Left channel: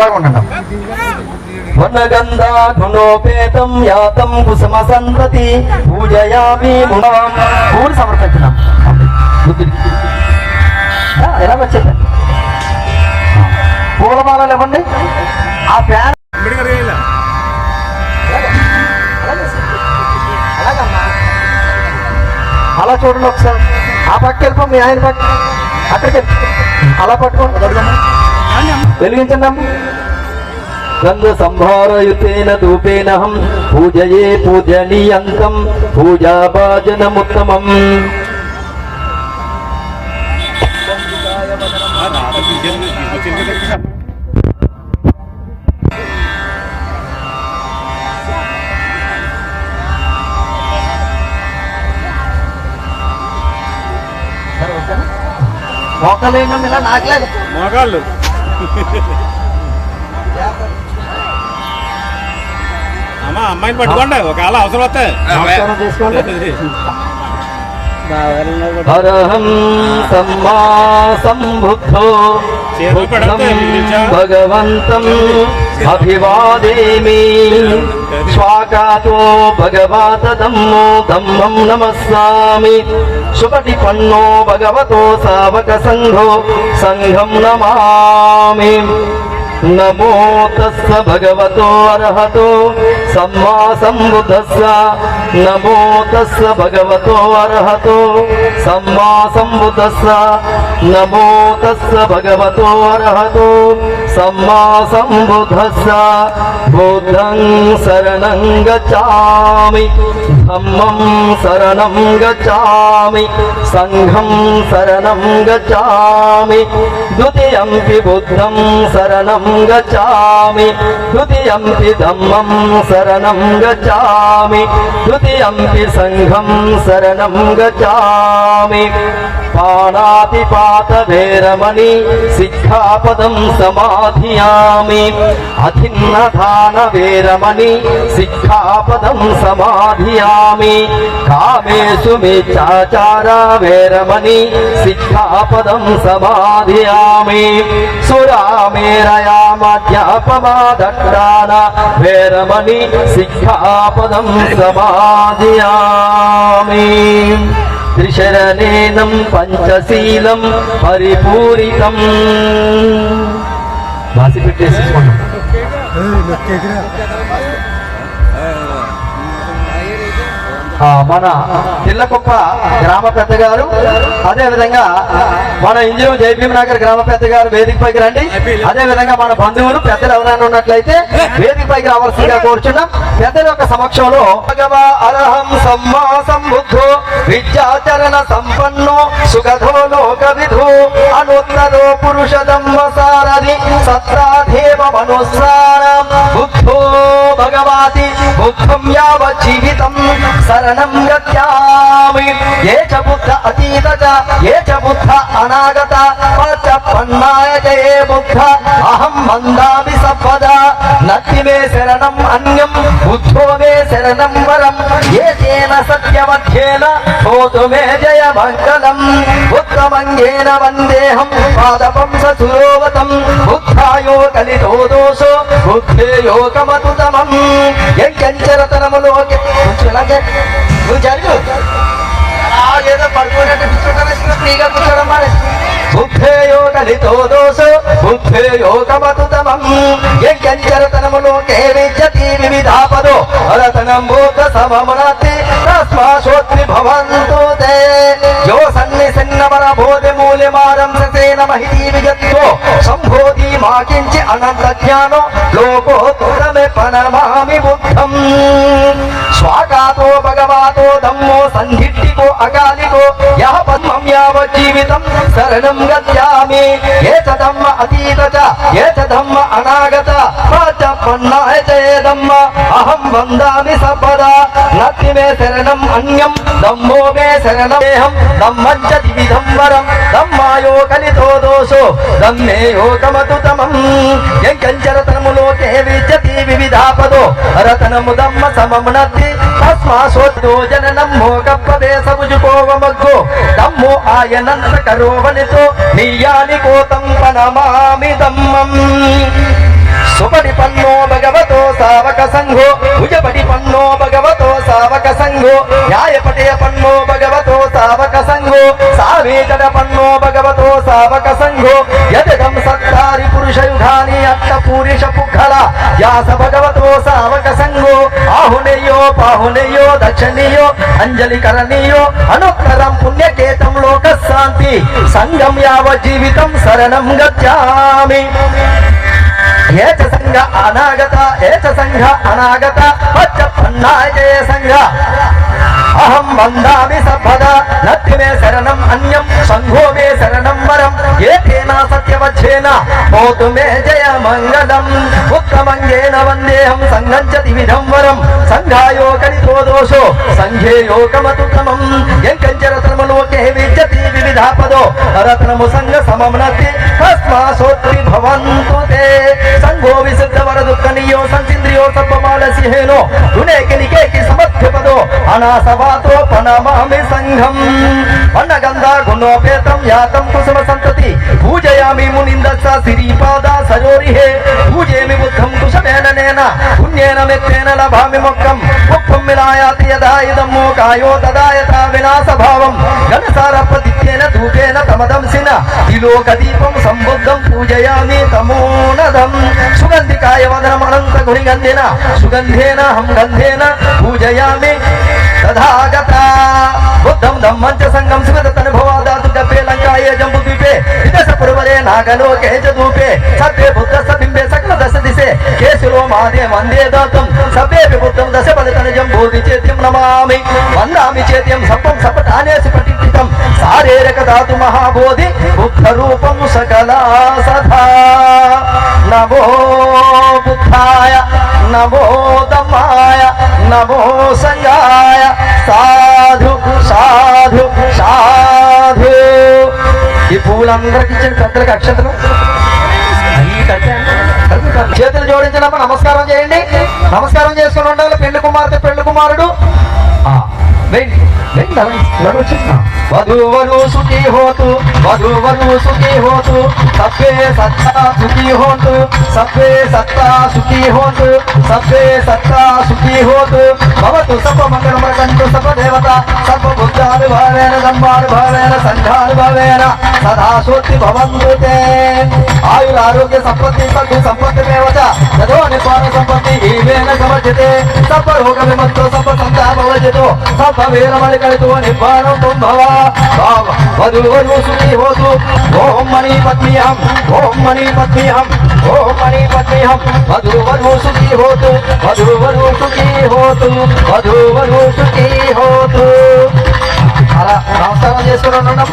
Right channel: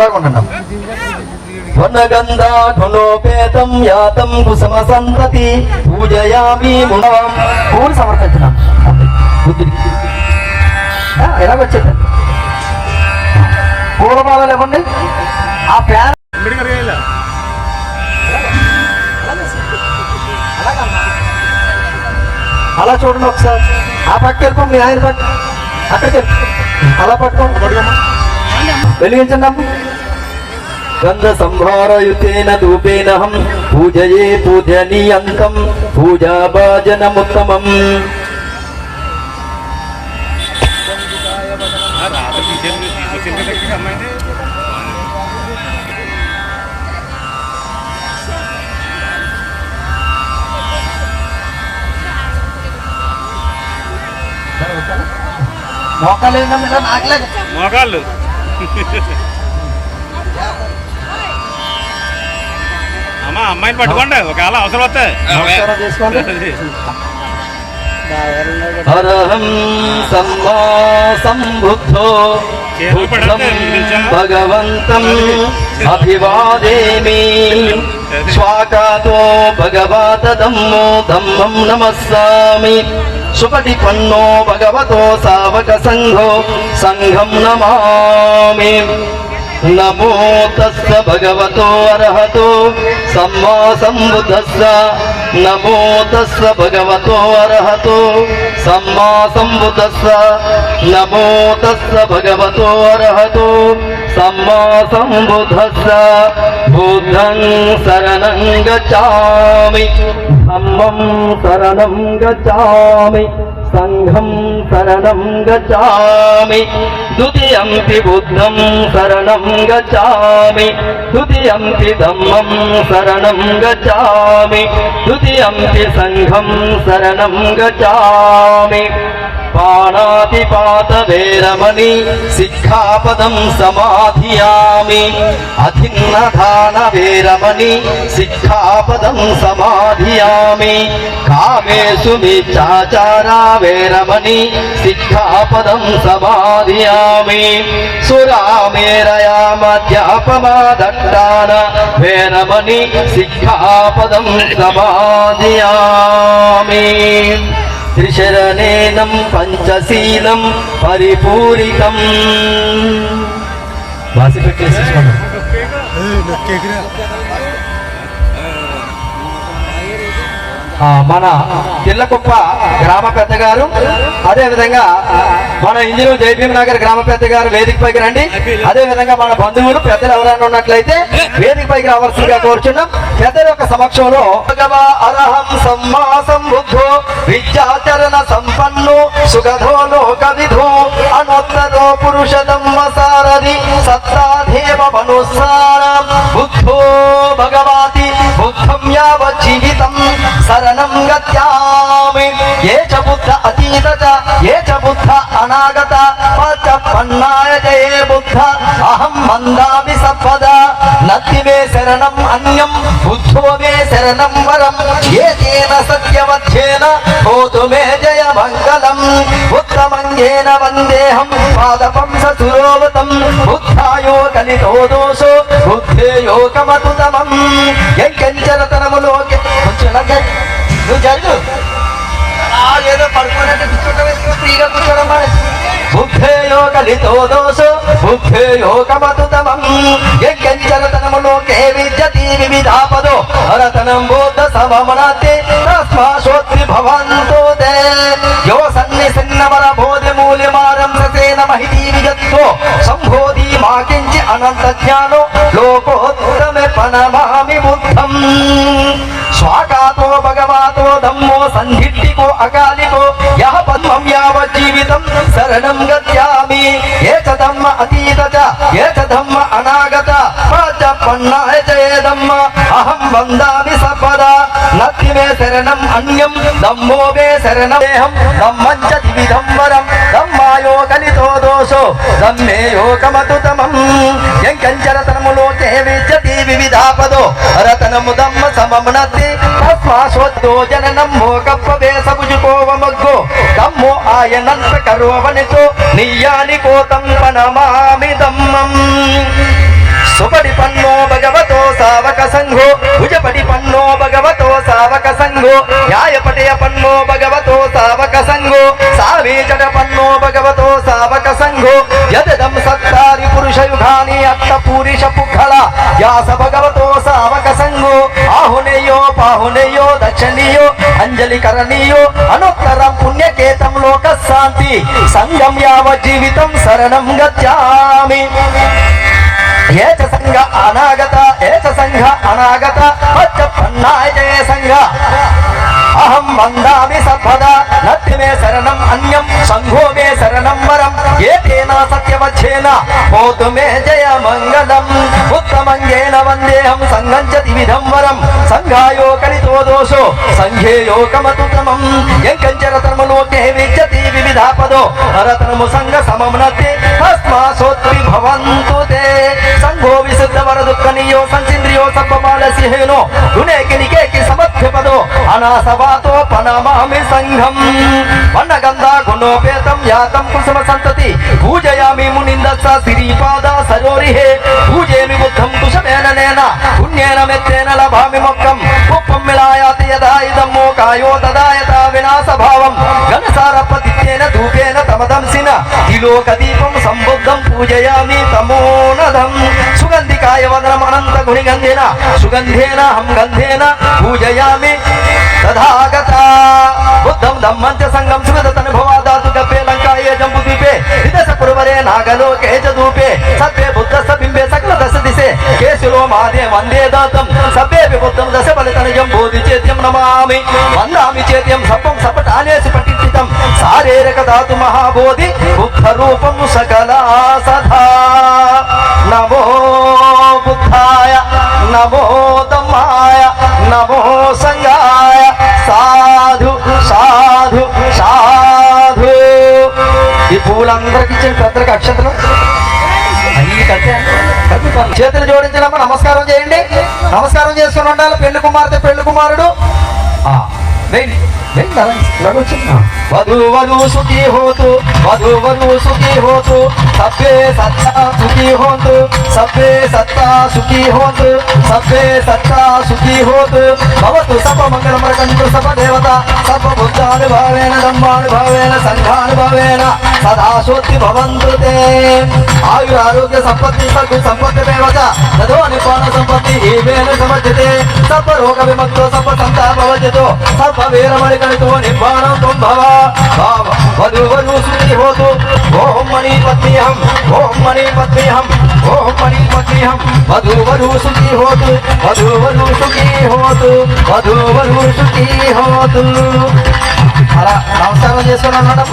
అలాగే ఉండండి. వనగంధా గుణోపేతం యాతం కుసుమ సంతతి పూజయామి మునవాం. పూలు సమర్పించినాం బుద్ధుడికి. ఎలాగొచ్చేది పూలమాలలు ఇవ్వండి. ఆ ఫ్యాన్ అలా చూడండి ఒకసారి. ఆ పక్క వెళ్ళిపో, మీ ఆయన పట్టు అక్కడికి వెళ్ళి అలా పట్టుకోండి, వెలిగించండి అమ్మ. గంధ సంభారయుతేన ధూపేనహం పూజయే పూజనీయంతం పూజాభాజనముత్తమం. మోకాళ్ళు అమ్మా అమ్మాయిని పట్టుకోండి, ఒకవేళ అవసరం వస్తాయి. హరహం సమ్మా సంబుద్ధో భగవంతం అభివాదేమి. స్వాగతో భగవత ధమ్మో ధమ్మం నమస్సామి. సుపటిపన్నో భగవతో సావక సంఘో సంఘం నమామి. నమో తస్స భగవతో అర్హతో సమ్మా సంబుద్ధస్స. నమో తస్స భగవతో అర్హతో సమ్మా సంబుద్ధస్స. నమో తస్స భగవతో అర్హతో సమ్మా సంబుద్ధస్స. బుద్ధం శరణం గచ్ఛామి, ధమ్మం శరణం గచ్ఛామి, సంఘం శరణం గచ్ఛామి. ద్వితీయంపి బుద్ధం శరణం గచ్ఛామి, ద్వితీయంపి ధమ్మం శరణం గచ్ఛామి, ద్వితీయంపి సంఘం శరణం గచ్ఛామి. పాణాతిపాత వేరమణి సిక్ఖాపదం సమాధియామి. అధిన్నదాన వేరమణి సిక్ఖాపదం సమాధియామి. కామేషు మిచ్ఛాచార వేరమణి సిక్ఖాపదం సమాధియామి. సురామేరయా మద్యపమాదట్టాన వేరమణి సిక్ఖాపదం సమాధియామి. త్రిశరణేనం పంచశీలం పరిపూరితం. రాసి పెట్టేసుకోండి. మన పిల్లకుప్ప గ్రామ పెద్ద గారు, అదే విధంగా మన ఇంజనీర్ జైభీం నగర్ గ్రామ పెద్ద గారు వేదిక పైకి రండి. అదే విధంగా మన బంధువులు పెద్దలు ఎవరైనా ఉన్నట్లయితే వేదిక పైకి రావాల్సిందిగా కోరుచున్నాం. పెద్దల యొక్క సమక్షంలో భగవా అరహం సమ్మా సంబుద్ధో విద్యాచరణ సంపన్నో సుగధో లోక విధు అనోత్తరో పురుషదమ్మ సారథి సత్రాధేవ మనుస్సారం బుద్ధో భగవాతి బుద్ధం యావజ్జీవితం శరణం గత్యామి. ఏ చ బుద్ధ అతీత చ ఏ చ బుద్ధ అనాగత పన్నాయ జయే బుద్ధ అహం వందామి సర్వదా. నత్తి మే శరణం అన్యం బుద్ధో మే శరణం వరం. ఏతేన సత్యమధ్యేన హోతు మే జయ మంగళం. ఉత్తమంగేన వందేహం పాదపంస సురోవతం. బుద్ధాయో కలితో దోషో బుద్ధేయో కమతుతమం. ఎంకంచరతనములో నువ్వు జరుగు, ఏదో పడుకున్నట్టు ఫ్రీగా కూర్చోవడం. బుద్ధేయో కలితో దోషో బుద్ధేయో కమతుతమం. ఎంకంచరతనములో కే విద్యతి వివిధాపదో రతనం బోధ సమమనతే తస్మాశోత్రి భవంతో తే. యో సన్నిసన్నమన బోధి మూల్యమానం ససేన మహితీ విజత్వో సంబోధి మాకించి అనంత జ్ఞానో లోకోత్తరమే ప్రణమామి బుద్ధం. స్వాకాతో భగవాతో ధమ్మో సంధిట్టికో అకాలికో యః పద్మం యావజ్జీవితం శరణం గత్యామి. ఏ చ ధమ్మ అతీత చ ఏ చ ధమ్మ అనాగత పన్నాయ జయ ధమ్మ అహం వందామి సర్వదా. నత్తి మే శరణం అన్యం ధమ్మో మే శరణమేహం. ధమ్మం చ ద్విధం వరం ధమ్మాయో కలితో దోషో ధమ్మేయో కమతుతమం. ఎంకంచరతనములో కే విద్యతి వివిధాపదో రతనము ధమ్మ సమమునత్తి తస్మాశోద్దో జననం మోకప్పవేశభుజుకోవమగ్గో ధమ్మో ఆయనంత కరోవనితో నియ్యాని కోతం ప్రణమామి ధమ్మం. సుపటి పన్నో భగవతో సావక సంఘో భుజపటి పన్నో భగవతో సావక సంఘో న్యాయపటయ పన్నో భగవతో సావక సంఘో సావేచట పన్నో భగవతో సావక సంఘో యదం సత్తారి పురుష యుగాని అట్ట పూరిష పుగ్గళ వ్యాస భగవతో సావక సంఘో ఆహునేయో పాహునేయో దక్షిణీయో అంజలి కరణీయో అనుత్తరం పుణ్యకేతం లోక శాంతి సంగం యావ జీవితం శరణం గచ్చామి ఏచ సంఘ అనాగత ఏచ సంఘ అనాగత పచ్చపన్నాయ జయ సంఘ అహం వందామి సర్వదా నత్తి మే శరణం అన్యం సంఘో మే శరణం వరం ఏతేన సత్యవచ్ఛేన హోతు మే జయ మంగళం ఉత్తమంగేన వందేహం సంఘం చ దివిధం వరం సంఘాయో కలితో దోషో సంఘే లోకమతుత్తమం ఎంకంచరతమలోకే విద్యతి వివిధాపదో రతనము సంఘ సమమ్నతి తస్మాసోత్రి భవంతు తే సంఘో విశుద్ధ వర దుఃఖనియో సంసింద్రియో సర్వమానసిహేనో గుణేకినికేకి సమర్థ్యపదో అనాసవాతో పనమామి సంఘం వన్నగంధ గుణోపేతం యాతం కుసుమ సంతతి పూజయామి మునిందస్స శ్రీపాద సరోరిహే పూజేమి బుద్ధం కుశమేన నేన పుణ్యేన మెత్తేన లభామి మొక్కం ఉప్పం మిలాయాతి యదా ఇదం మోకాయో తదాయత వినాశ భావం గణసారపతిత్యేన ధూపేన తమదంసిన ఈలోక దీపం సంబుద్ధం పూజయామి తమోనదం సుగంధికాయ వదనం అనంత గుణిగంధేన సుగంధేన హం గంధేన పూజయామి తథాగత బుద్ధం ధమ్మం చ సంగం సుగతనుభవా దాతు గపే లంకాయే జంబు ద్వీపే విదశ పురవరే నాగలోకే చ ధూపే సత్వే బుద్ధస్స బింబే సకల దశ దిశే కేశులో మాదే వందే దాతం సభ్యేపి బుద్ధం దశ ఫలితనిజం బోధి చేత్యం నమామి వందామి చేత్యం సప్పం సపటానేసి పఠితం సారేరక ధాతు మహాబోధి బుద్ధ రూపం సకలా సదా నమో బుద్ధాయ నమో ధమ్మాయ నమో సంఘాయ సాధు సాధు సాధు. ఈ పూలందరికి ఇచ్చిన పెద్దలకు అక్షతలు చేతులు జోడించినప్పుడు నమస్కారం చేయండి. నమస్కారం చేసుకుని ఉండాలి. పెళ్లి కుమార్తె పెళ్లి కుమారుడు వధూవరు సుఖీ హోతు వధూవరు సుఖీ హోతు సభ్యే సత్తా సుఖీ హోతు సభ్యే సత్తా సుఖీ హోతు సభ్యే సత్తా సుఖీ హోతు భవతు సర్వ మంగళమకంతు సర్వ దేవత సర్వ బుద్ధానుభావేన ధర్మానుభావేన సంఘానుభావేన సదా శోత్తి భవంతు తే ఆయురారోగ్య సంపత్తి సర్వ సంపత్తి దేవత తదో నిపాన సంపత్తి ఏవేన సమజ్యతే సర్వ రోగ విముక్తో సర్వ సంతాపవజ్యతో సర్వ వీరమణి కలితో నిపానం కుంభవ వధూవరు సుఖీ హోతు ఓం మణి పత్నిహం ఓం మణి పత్నిహం ఓం మణి పత్నిహం వధూవరు సుఖీ హోతు వధూవరు సుఖీ హోతు వధూవరు సుఖీ హోతు. అలా నమస్కారం చేసుకున్నాను.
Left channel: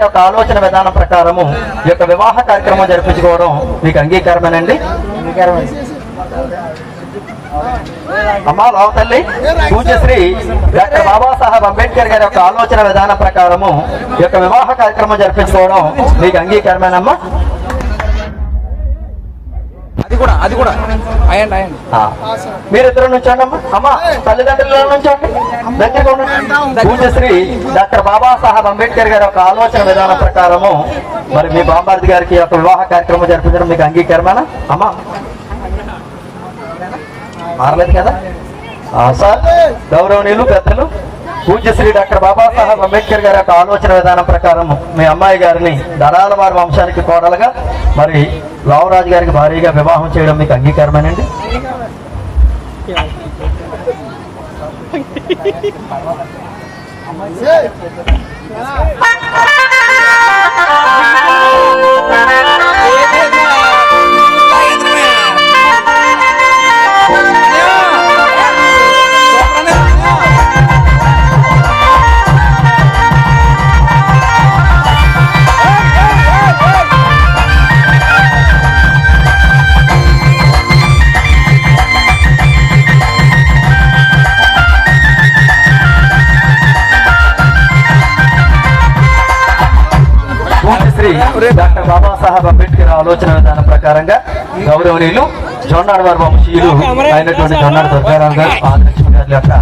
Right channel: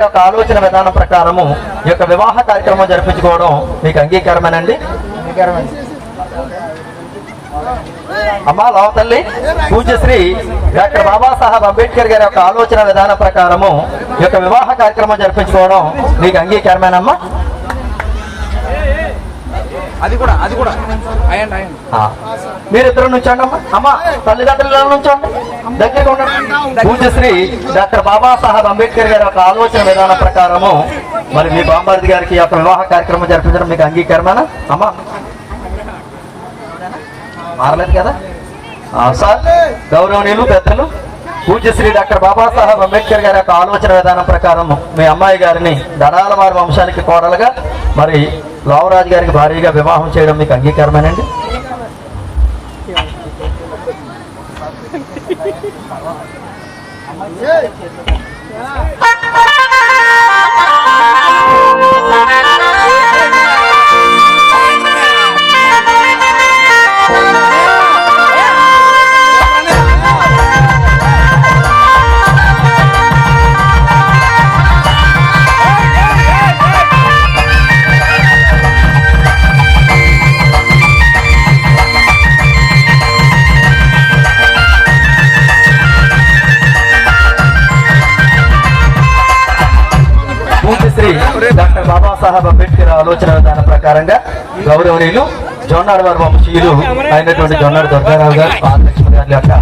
ఒక ఆలోచన విధానం ప్రకారము ఈ యొక్క వివాహ కార్యక్రమం జరిపించుకోవడం మీకు అంగీకారమేనండి? అమ్మా లావతల్లి పూజ్యశ్రీ డాక్టర్ బాబాసాహెబ్ అంబేద్కర్ గారి యొక్క ఆలోచన విధానం ప్రకారము ఈ యొక్క వివాహ కార్యక్రమం జరిపించుకోవడం మీకు అంగీకారమేనమ్మా? అది కూడా మీరిద్దరు నుంచోండి అమ్మా. అమ్మా తల్లిదండ్రుల నుంచోండి. దగ్గరగా ఉండండి. పూజ్యశ్రీ డాక్టర్ బాబాసాహెబ్ అంబేద్కర్ గారి యొక్క ఆలోచన విధానం ప్రకారము మరి మీ బాంబార్ది గారికి యొక్క వివాహ కార్యక్రమం జరిపించడం మీకు అంగీకారమేనా అమ్మా? మారలేదు కదా సార్. గౌరవనీయులు పెద్దలు పూజ్యశ్రీ డాక్టర్ బాబాసాహెబ్ అంబేద్కర్ గారి యొక్క ఆలోచన విధానం ప్రకారం మీ అమ్మాయి గారిని దరాల వారి వంశానికి కోడలుగా మరి లావరాజు గారికి భారీగా వివాహం చేయడం మీకు అంగీకారమేనండి? డాక్టర్ బాబాసాహెబ్ అంబేద్కర్ ఆలోచన విధానం ప్రకారంగా గౌరవనీయులు జొన్నాడ వారి వంశీయులు అయినటువంటి జొన్నాడ దుర్గారావు గారు గారి యొక్క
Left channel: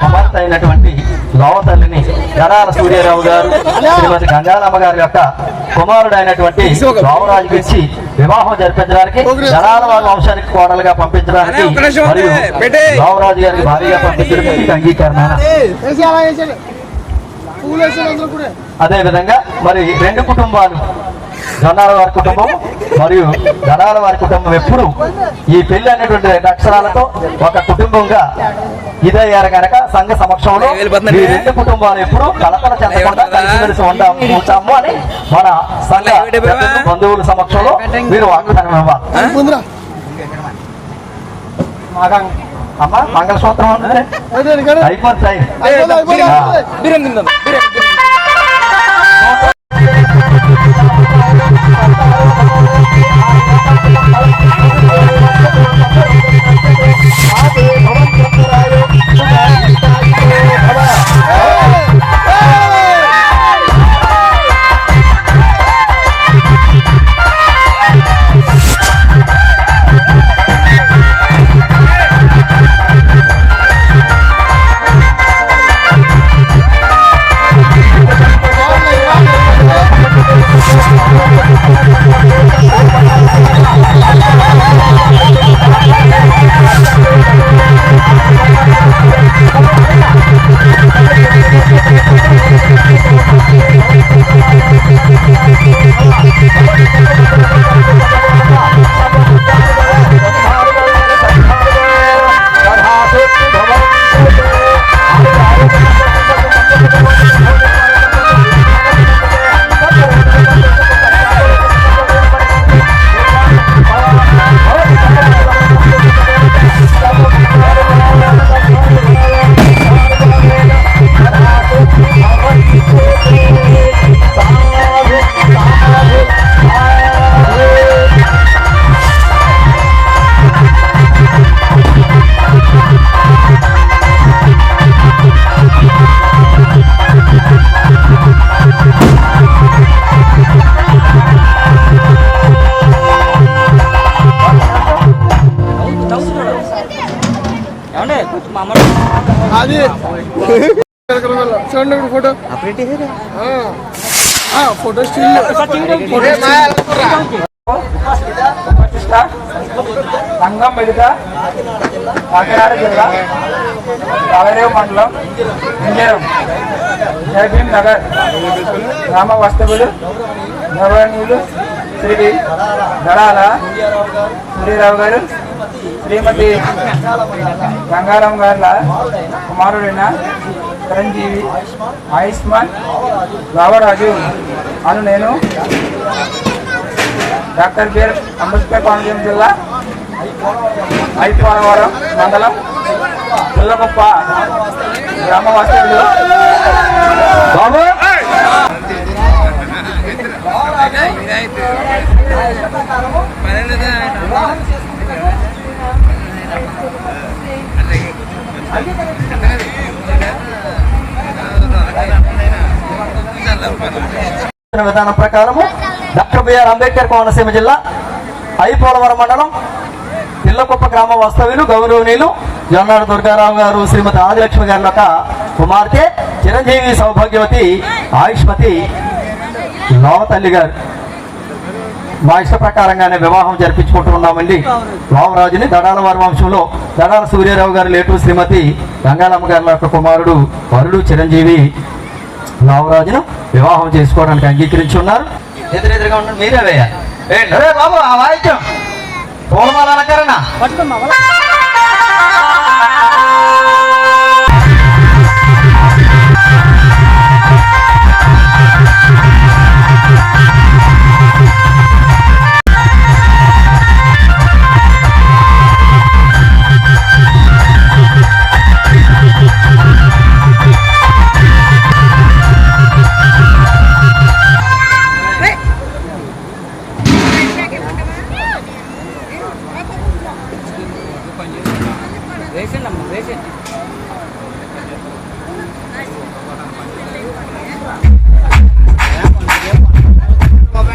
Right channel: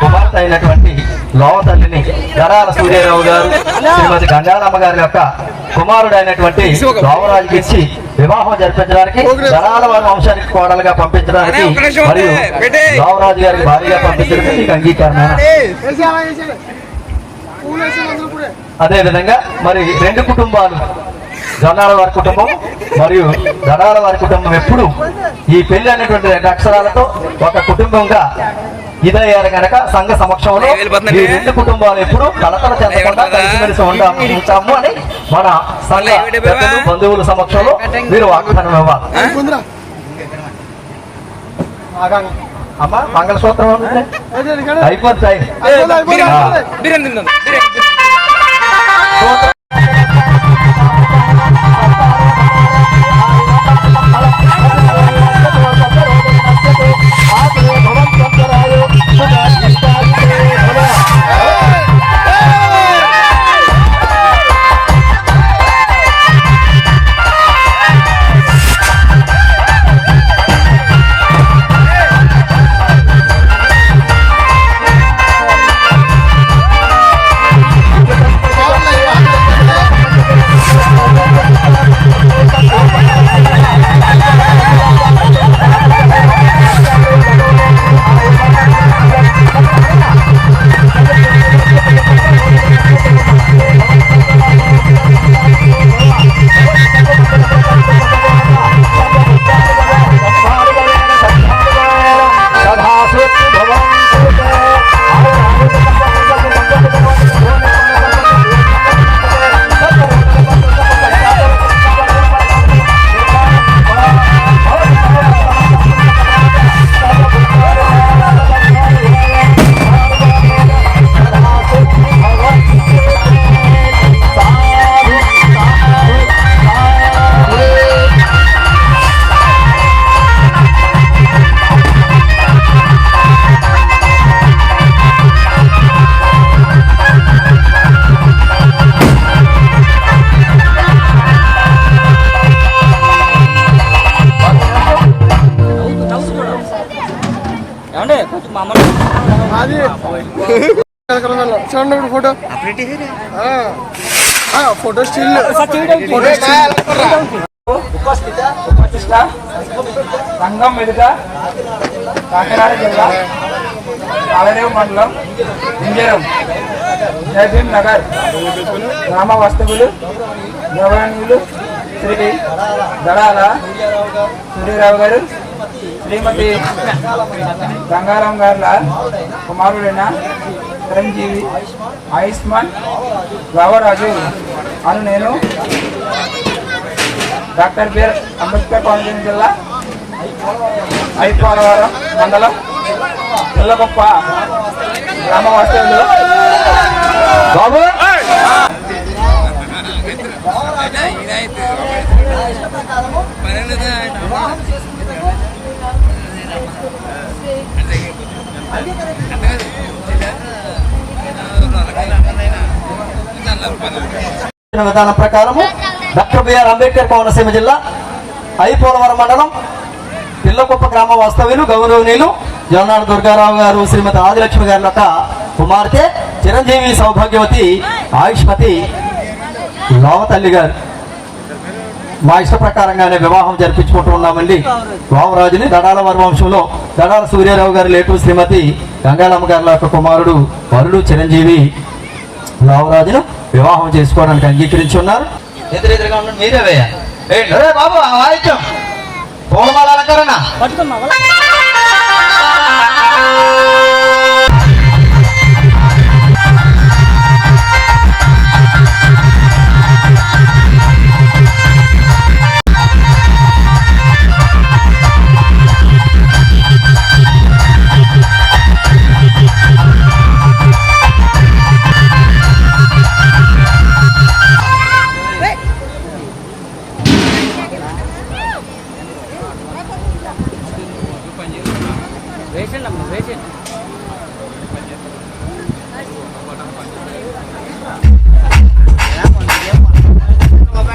కుమార్తె అయినటువంటి లోవ తల్లిని దడాల సూర్యారావు గారు శ్రీమతి గంగారమ్మ గారి యొక్క కుమారుడు అయినటువంటి లోవరాజుకి ఇచ్చి వివాహం జరిపించడానికి దడాల వారి వంశానికి కోడలుగా పంపించడానికి మరియు లోవరాజు గారికి భారీగా పంపించడానికి మీకు అంగీకారం. అదే విధంగా మరి రెండు కుటుంబాలు జొన్నాల వారి కుటుంబం మరియు దడాల వారి కుటుంబం ఎప్పుడు ఈ పెళ్లి అనేటువంటి రెండు అక్షరాలతో ఒక కుటుంబంగా ఇదయ్యారు కనుక సంఘ సమక్షంలో ఈ రెండు కుటుంబాలు ఎప్పుడు కలకల చెందకుండా కలిసిమెలిసి ఉంటాము అని మన సంఘ పెద్దలు బంధువుల సమక్షంలో మీరు వాగ్దానం ఇవ్వాలి. అమ్మా మంగళసూత్రం అయిపోతాయి. చూడండి ఫోటో ఫోటో స్టిల్ సంఘం మెడుక కాకినాడ జిల్లా కావేరేవు మండలం ఇంజరం జయభీం నగర్ గ్రామ వస్తువులు గౌరవనీయులు శ్రీ దడాల సూర్యరావు గారు శ్రీమతి గంగారం గార్ల కుమారుడైన చిరంజీవి ఆయుష్మాన్ రావరాజు అను నేను డాక్టర్ బిఆర్ అంబేద్కర్ కోనసీమ జిల్లా ఐపోలవరం మండలం పుల్లగొప్ప గ్రామ వాస్తవులు బాబు విధానం ప్రకారము డాక్టర్ బిఆర్ అంబేద్కర్ కోనసీమ జిల్లా ఐపోలవరం మండలం పిల్లకొప్ప గ్రామ వాస్తవ్యులు గౌరవనీయులు జొన్నాడ దుర్గారావు గారు శ్రీమతి ఆదిలక్ష్మి గారి యొక్క కుమార్తె చిరంజీవి సౌభాగ్యవతి ఆయుష్మతి లోవతల్లి గారు మా ఇష్ట ప్రకారంగానే వివాహం జరిపించుకుంటూ ఉన్నామండి. రామరాజుని దడాల వారి వంశంలో దడాల సూర్యారావు గారి లేటు శ్రీమతి గంగాలమ్మ గారి యొక్క కుమారుడు వరుడు చిరంజీవి రామరాజును వివాహం చేసుకోవడానికి అంగీకరించి ఉన్నారు. ఎదురెదురుగా ఉన్న మీరే వేయాలి బాబు ఆ వాయిద్యం పూలమాల అలంకరణ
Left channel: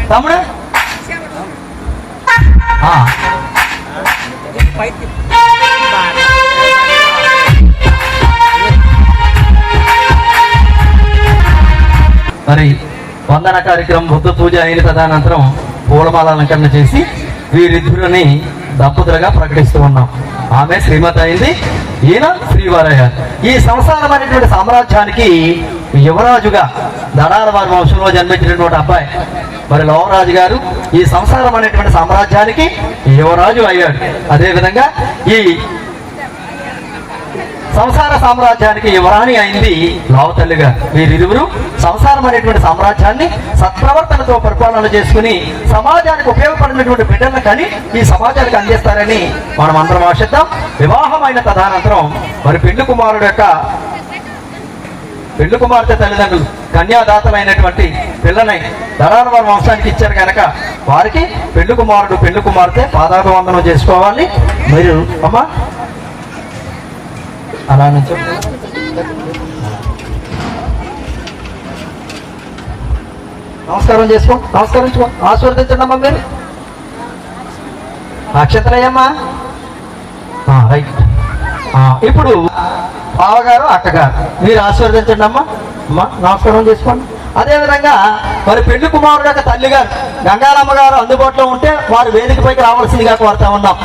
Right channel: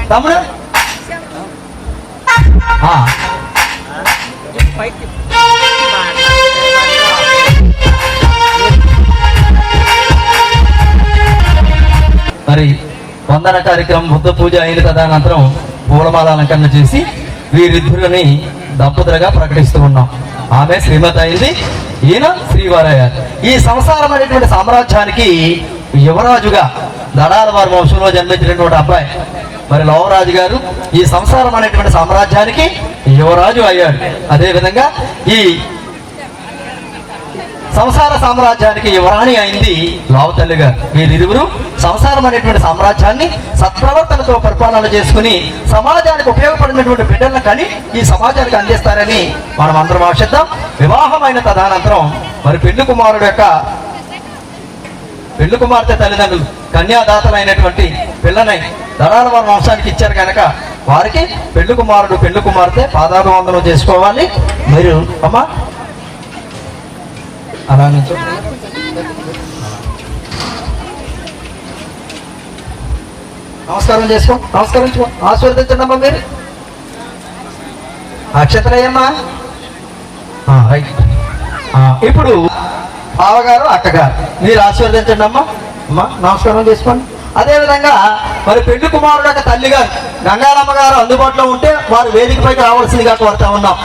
తమ్ముడు మరి వందన కార్యక్రమం బుద్ధ పూజ అయిన తదనంతరం పూలమాల అలంకరణ చేసి వీరిద్దరిని దంపతులుగా ప్రకటిస్తూ ఉన్నాం. ఆమె శ్రీమతి అయింది, ఈయన శ్రీవారయ్య. ఈ సంసారమైనటువంటి సామ్రాజ్యానికి యువరాజుగా దడాల వారి వంశంలో జన్మించినటువంటి అబ్బాయి మరి లోవరాజు గారు ఈ సంసారం అనేటువంటి సామ్రాజ్యానికి యువరాజు అయ్యాడు. అదేవిధంగా ఈ సంసార సామ్రాజ్యానికి యువరాణి అయింది లోవతల్లి గారు. వీరిరువురు సంసారం అనేటువంటి సామ్రాజ్యాన్ని సత్ప్రవర్తనతో పరిపాలన చేసుకుని సమాజానికి ఉపయోగపడినటువంటి బిడ్డలను కానీ ఈ సమాజానికి అందిస్తారని మనం అందరం ఆశిద్దాం. వివాహమైన తదనంతరం మరి పెళ్లి కుమార్తె తల్లిదండ్రులు కన్యాదాతలైనటువంటి పిల్లని దడాల వారి వంశానికి ఇచ్చారు కనుక వారికి పెళ్లి కుమారుడు పెళ్లి కుమార్తె పాదాభివందనం చేసుకోవాలి. మీరు అమ్మా అలా నుంచి నమస్కారం చేసుకో, నమస్కరించుకో, ఆశీర్వదించండి అమ్మా. మీరు అక్షతరయ్యమ్మా. రైట్. ఇప్పుడు బావగారు అక్కగారు మీరు ఆశీర్వదించండి అమ్మా. అమ్మా నమస్కారం చేసుకోండి. అదేవిధంగా మరి పెళ్లి కుమారుడు యొక్క తల్లి గారు గంగారమ్మ గారు అందుబాటులో ఉంటే వారు వేదికపైకి రావాల్సిందిగా కోరుతా ఉన్నాం.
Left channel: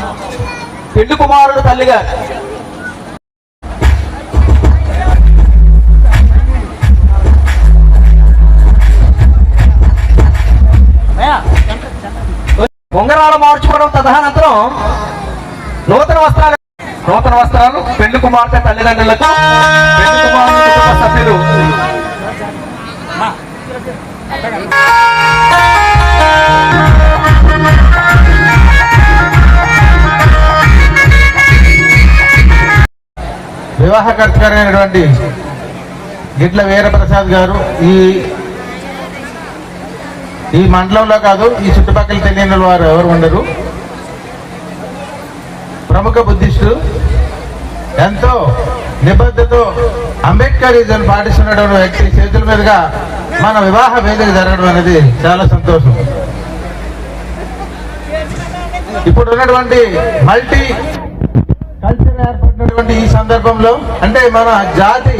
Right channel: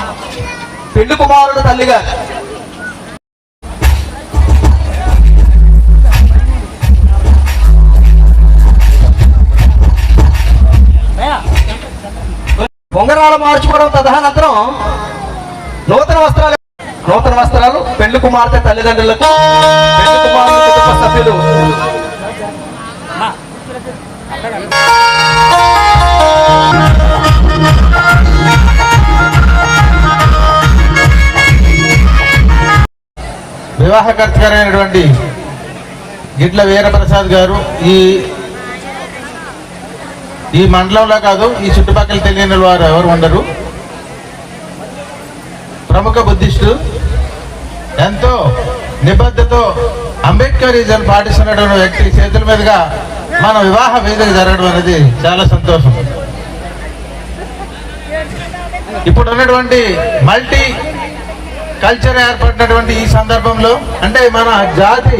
పెళ్లి కుమారుడు తల్లి గారు ఉంగరాలు మార్చుకోవడం తదనంతరం నూతన వస్త్రాలు పెళ్లి కుమార్తె తల్లిదండ్రులకు పెళ్లి కుమారుడు కుటుంబ సభ్యులు వివాహకర్త గారైనటువంటి గిట్ల వీరప్రసాద్ గారు ఈ మండలంలో కాదు ఈ చుట్టుపక్కల తెలియని వారు ఎవరు ఉండరు. ప్రముఖ బుద్ధిస్టు, ఎంతో నిబద్ధతో అంబేద్కరిజం పాటిస్తున్నటువంటి వ్యక్తి చేతుల మీదుగా మన వివాహ వేదిక జరగడం అనేది చాలా సంతోషం. ఇప్పుడు ఉన్నటువంటి మల్టీ కల్చర్ ఏర్పడినటువంటి ఈ సందర్భంలో అంటే మన జాతి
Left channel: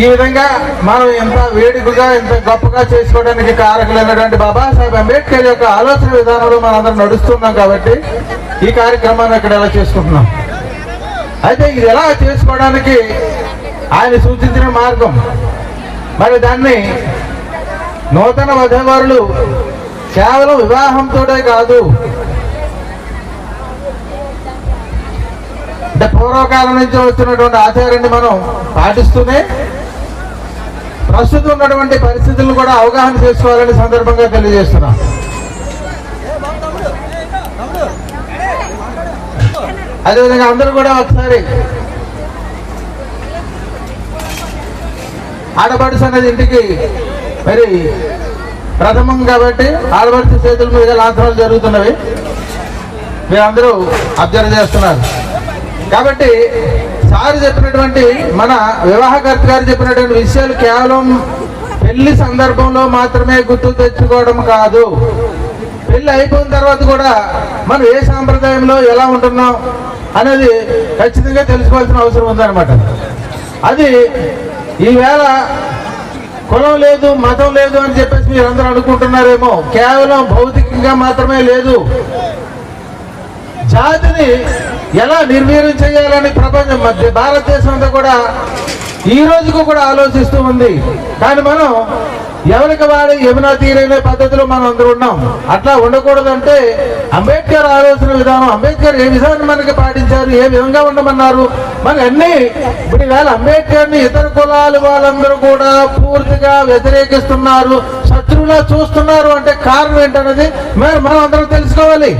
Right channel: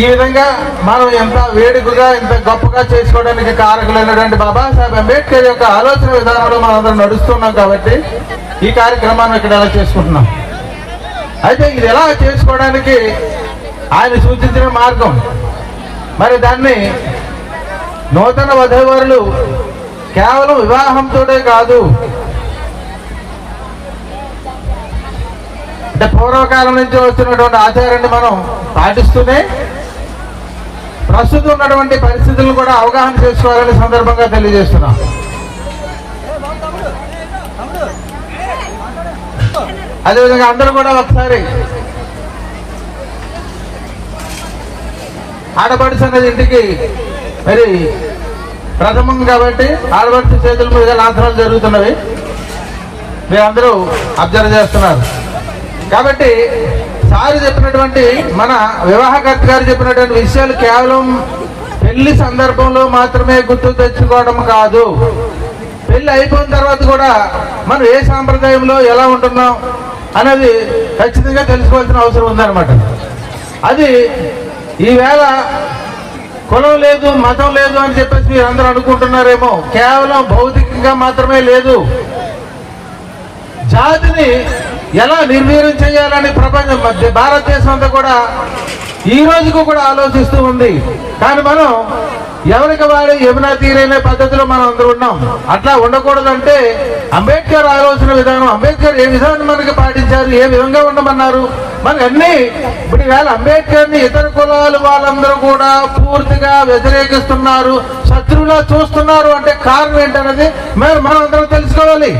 ఈ విధంగా మనం ఎంత వేడుకగా ఎంత గొప్పగా చేసుకోవడానికి కారకులైనటువంటి బాబాసాహెబ్ అంబేద్కర్ యొక్క ఆలోచన విధానంలో మనం అందరం నడుస్తున్నాం కాబట్టి ఈ కార్యక్రమాన్ని ఇక్కడ ఎలా చేసుకుంటున్నాం. అయితే ఇది ఎలా చేసుకోవడానికి ఆయన సూచించిన మార్గం మరి దాన్ని నూతన వధూవరులు కేవలం వివాహంతోనే కాదు, అంటే పూర్వకాలం నుంచి వస్తున్నటువంటి ఆచారాన్ని మనం పాటిస్తూనే ప్రస్తుతం ఉన్నటువంటి పరిస్థితులను కూడా అవగాహన చేసుకోవాలని సందర్భంగా తెలియజేస్తున్నాం. అదేవిధంగా అందరూ కూడా ఒకసారి ఆడపడుచు అనేది ఇంటికి మరి ప్రథమం కాబట్టి ఆడపడుచు చేతుల మీద లాంఛనాలు జరుగుతున్నవి మీరందరూ అబ్జర్వ్ చేస్తున్నారు. కాబట్టి సార్ చెప్పినటువంటి మన వివాహకర్త గారు చెప్పినటువంటి విషయాలు కేవలం పెళ్లి సందర్భంలో మాత్రమే గుర్తు తెచ్చుకోవడం కాదు, పెళ్లి అయిపోయిన తర్వాత కూడా మనం ఏ సాంప్రదాయంలో ఎలా ఉంటున్నాం అనేది ఖచ్చితంగా తెలుసుకోవాల్సిన అవసరం ఉందన్నమాట. అది ఈవేళ కులం లేదు మతం లేదు అని చెప్పేసి మీరు అందరూ అనుకుంటున్నారేమో, కేవలం భౌతికంగా మాత్రమే లేదు, జాతిని ఎలా నిర్వీర్యం చేయాలని ప్రపంచం భారతదేశం అంతా కూడా ఈ రోజుకు కూడా ఆలోచిస్తూ ఉంది. కానీ మనం ఎవరికి వాడు యమునా తీరైన పద్ధతిలో మనం అందరూ ఉన్నాం. అట్లా ఉండకూడదంటే అంబేద్కర్ ఆలోచన విధానం, అంబేద్కర్ ఏ విధానం మనకి పాటించారు, ఏ విధంగా ఉండమన్నారు, మనకి అన్ని ఇప్పుడు వేళ అంబేద్కర్ ని ఇతర కులాలు వాళ్ళందరూ కూడా పూర్తిగా వ్యతిరేకిస్తున్నారు, శత్రువులా చూస్తున్నారు అంటే కారణం ఏంటనేది మనం అందరం తెలుసుకోవాలి.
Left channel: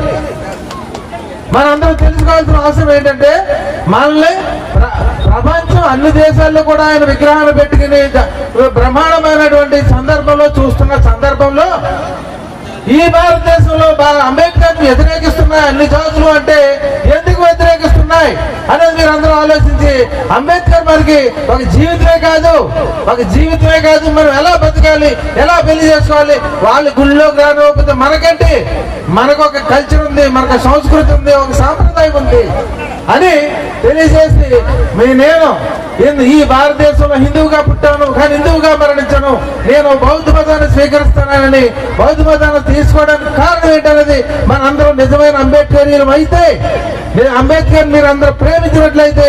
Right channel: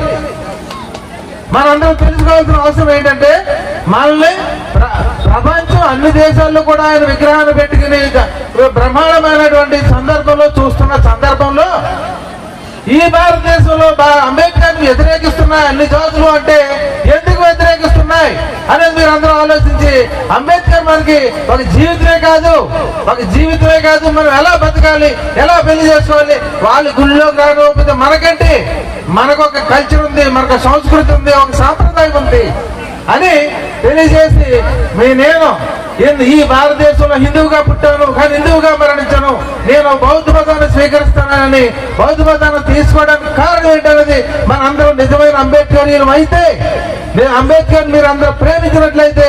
మనందరం తెలుసుకోవాల్సిన అవసరం ఏంటంటే మనల్ని ప్రపంచం అన్ని దేశాల్లో కూడా ఆయన విగ్రహాన్ని పెట్టుకుని బ్రహ్మాండమైనటువంటి సందర్భంలో చూస్తున్న సందర్భంలో ఈ భారతదేశంలో అంబేద్కర్ ని వ్యతిరేకిస్తున్నాయి అన్ని జాతులు అంటే ఎందుకు వ్యతిరేకిస్తున్నాయి అనేది మీరు అందరూ ఆలోచించి అంబేద్కర్ మనకి ఒక జీవితమే కాదు మనం ఎలా బతకాలి, ఎలా పెళ్లి చేసుకోవాలి, వాళ్ళు గుళ్ళో కాకపోతే మనకంటే మనకు ఒక కల్చర్ ఉంది, మనకు సంస్కృతి ఉంది, ఒక సాంప్రదాయం ఉంది. అని తెలియజేసి నేను ఈ భారతదేశంలో హిందువుగా పుట్టాను కానీ హిందువుగా మరణించాను, నేను బౌద్ధ మతాన్ని స్వీకరిస్తానని బౌద్ధ మతాన్ని తీసుకోవడానికి కారణం ఏంటనేది మన అందరూ నిజమైన అంబేద్కరీయులం అయితే, అంబేద్కర్ మీరు అందరూ ప్రేమించినట్లయితే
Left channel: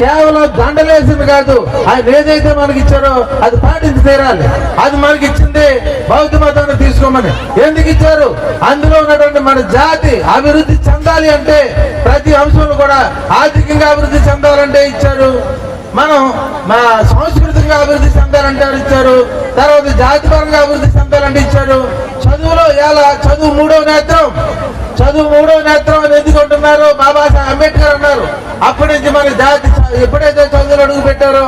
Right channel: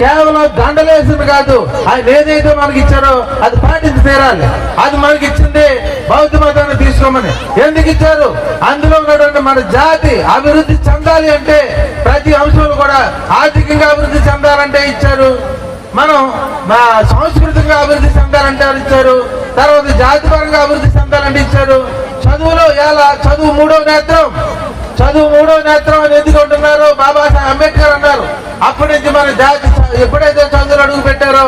కేవలం దండలేసింది కాదు, ఆయన ఏదైతే మనకి ఇచ్చారో అది పాటించి తీరాలి. అది మనకి ఇచ్చింది బౌద్ధ మతాన్ని తీసుకోమని. ఎందుకు ఇచ్చారు? అందులో ఉన్నటువంటి మన జాతి అభివృద్ధి చెందాలి అంటే ప్రతి అంశంలో కూడా ఆర్థికంగా అభివృద్ధి చెందాలంటే ఇచ్చారు, మనం మా సాంస్కృతికంగా అభివృద్ధి చెందాలంటే ఇచ్చారు, తర్వాత జాతిపరంగా అభివృద్ధి చెందాలంటే ఇచ్చారు. చదువులో ఎలా చదువు మూడో నేత్రం అని ఎందుకు అంటున్నారు? బాబాసాహెబ్ అంబేద్కర్ అన్నారు. అప్పటి నుంచి మన జాతి ఎప్పుడైతే చదువులు అడుగు పెట్టారో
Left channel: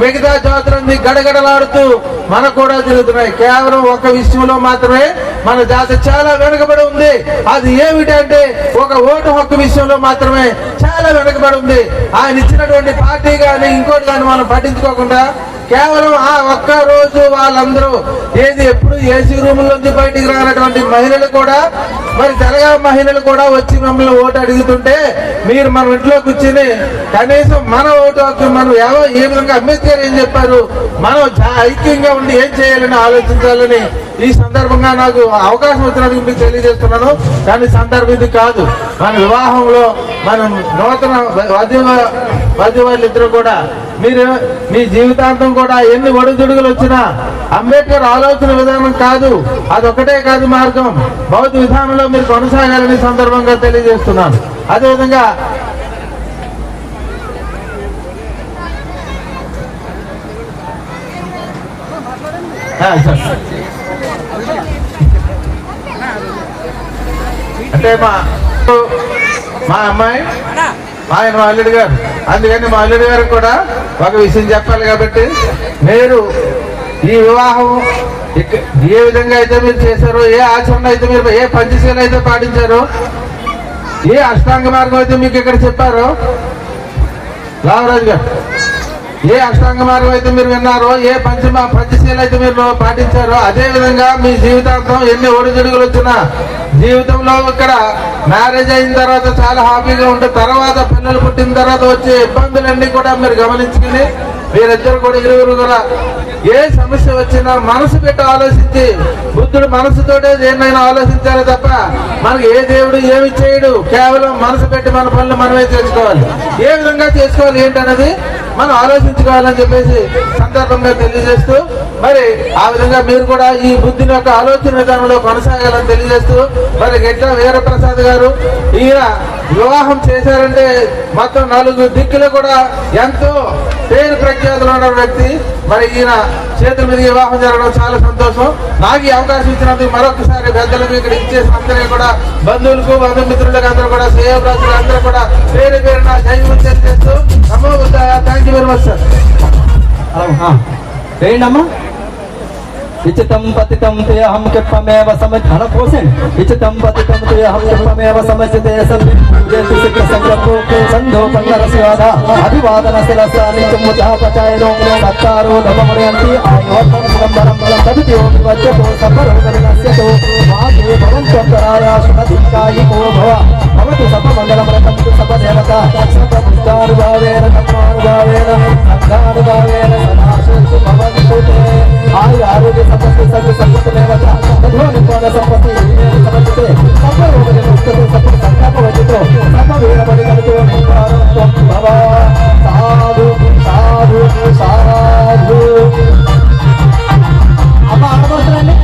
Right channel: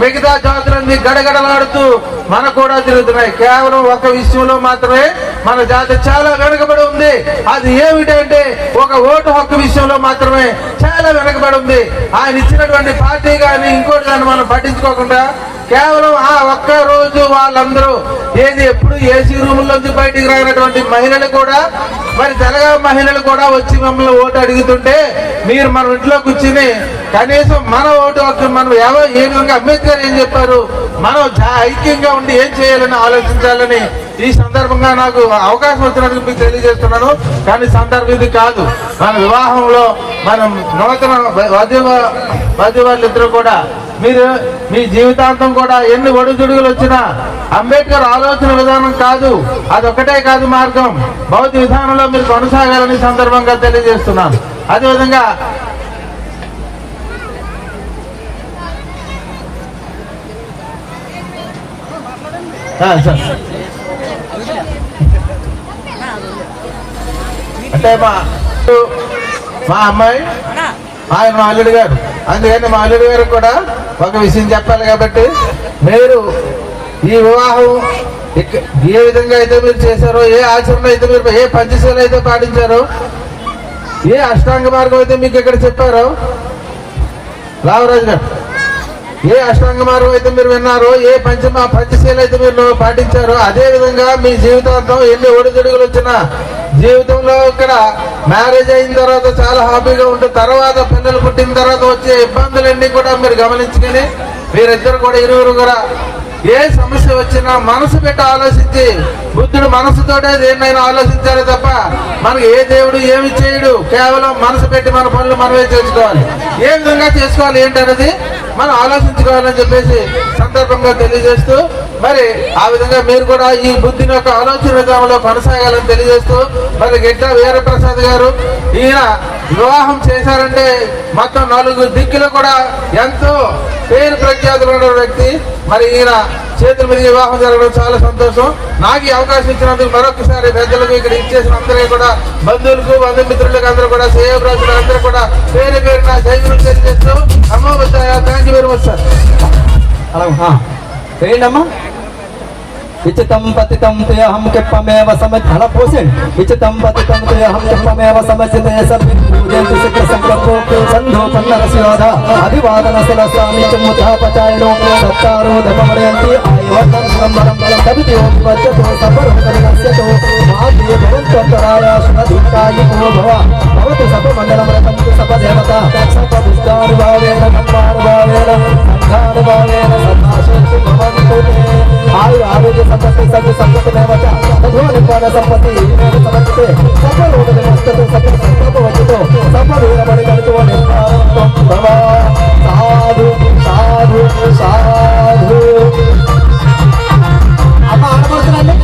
మిగతా జాతులన్నీ గడగడలాడుతూ మనకు కూడా తిరుగుతున్నాయి. కేవలం ఒక విషయంలో మాత్రమే మన జాతి చాలా వెనుకబడి ఉంది. అది ఏమిటంటే ఒక ఓటు హక్కు విషయంలో మాత్రమే చాలా వెనుకబడి ఉంది. ఆయన ఇచ్చినటువంటి పార్టీ కానీ ఇంకోటి కానీ మనం పట్టించుకోకుండా కేవలం ఆ ఒక్క రోజు వాళ్ళందరూ ఎప్పుడు ఏసీ రూముల్లోంచి బయటికి రానటువంటి మహిళలు కూడా, మరి తెలంగాణ మహిళలు కూడా వచ్చి మమ్మల్ని ఓటు అడుగుతుంటే మీరు మన ఇంట్లో కూర్చుని కనీసం మన ఓటు హక్కు మనం ఏ విధంగా అంబేద్కర్ ఏం చెప్పారు, మనం ఐక్యంగా ఉండి ఏం చేయాలని ఆలోచించాలని ఈ సందర్భంగా నాకు అవకాశం వచ్చినందుకు మీకు తెలియజేస్తున్నాను. కానీ సందర్భం ఇది కాదు. మన వివాహంలో మనం నూతన వధువులిద్దరూ కూడా మీరు మీ జీవితాంతం కూడా ఎన్ని ఒడిదుడుగులు వచ్చినా అంబేద్కర్ ఆలోచన విధానం కాదు, అదొకటే కాదు మార్గం, బౌద్ధ విధానంలో మీరు కొనసాగాలని సందర్భంగా తెలియజేస్తున్నాను. అదేవిధంగా అంటే మా అమ్మాయి ఆయన మా అల్లుడు గారు, అందుకని మా అల్లుడు గారికి కూడా ఒక విషయం చెప్పాలి. కాబట్టి మీరు ఈ వివాహం ఏ విధంగా అయితే మీరు చేశారో, ఏ ఆచరణ అయితే మీరు ఏ పంచశీల అయితే పాటించారో, ఏ అష్టాంగ మార్గం అయితే మీకు ఇక్కడ చెప్పారో రామరాజు గారు, ఏ అష్టాంగ మార్గం అయితే మీరు విన్నారో, ఏ పంచశీల అయితే మీరు పాటించారో, అదే విధంగా మీ జీవితాంతం ఎన్ని ఒడిదుడుగులు వచ్చినా జీవితంలో ఇక్కడ మ్యారేజ్ అయిన తర్వాత చాలా హ్యాపీగా ఉంటుంది, తర్వాత పిల్లలు పుట్టిన తర్వాత వచ్చే ఇబ్బందులన్నీ కూడా మీరు గమనించుకుని మీరిద్దరు కూడా ఇరువురు కూడా ఏ సమస్య వచ్చినా మనసు పెట్టి ఆలోచించి, బుద్ధుడు మనసుతోటే దేన్నైనా ఆలోచించాలి తప్ప మనకి ఏ దేవుడు ఏమి చేయడు, కేవలం మనసు పెట్టి మన పనులు మనమే చేసుకోవాలి. ఏ విధంగా చేసుకోవాలి ఏంటన్నది మనం ఆలోచించుకోవాలని చెప్పేసి సందర్భంగా తెలియజేస్తూ, మరి ఆ విధంగా మీరు కూడా ఈ బుద్ధిని యొక్క ఆలోచన విధానంలో కొనసాగాలని తెలియజేస్తూ, మరి గిడ్డ వీరప్రసాద్ గారు ఈయన వివాహం చేశారంటే మొత్తం 4 దిక్కులు కూడా ఎంతో పేరు ప్రఖ్యాతులు ఉన్న వ్యక్తి. మరి ఈయన చేతుల మీద వివాహం జరగడం చాలా సంతోషం. నాకు ఈ అవకాశం ఇచ్చినందుకు మరొకసారి పెద్దలకు ఇక్కడ ఇచ్చేసిన అందరికీ కూడా, బంధువులకు బంధుమిత్రులకు అందరూ కూడా, శ్రేయభిలాషులు అందరూ కూడా పేరు పేరున జైలు తెలియజేస్తూ అమ్మో thank you very much sir. ఏంటమ్మా इचितं पतितं तेऽहं किप्पमेव समझन पोषण इचितं पतितं तेऽहं किप्पमेव समझते सभ्यं पूजयन्तु शुक्रसंक्रमो संधो पन्नरस्याधा अभिवादनशिलसानि चमुद्धापचायनो सत्कारो धर्ममरयन्ति आयुर्वर्धन संवरं तदितो विवज्यतो सर्वरोगविनश्यतो मागे भवन्तन्तराय शुभदुःखायिको भव भवतु सपमण्डलमरकन्तु सपदेवता सपपुष्टानुभावेन धर्मानुभावेन संघानुभावेन सदाशेषु भवन्तु आयुरारोग्य संपत्ति सर्व संपत्ति में बचा भगवान पाद संपत्ति समझते सब लोग नष्ट तो सब संकल्प वचितो सब वीर बलि करतो निवारण तम भव साधु साधु साधु अब आडमसरांడి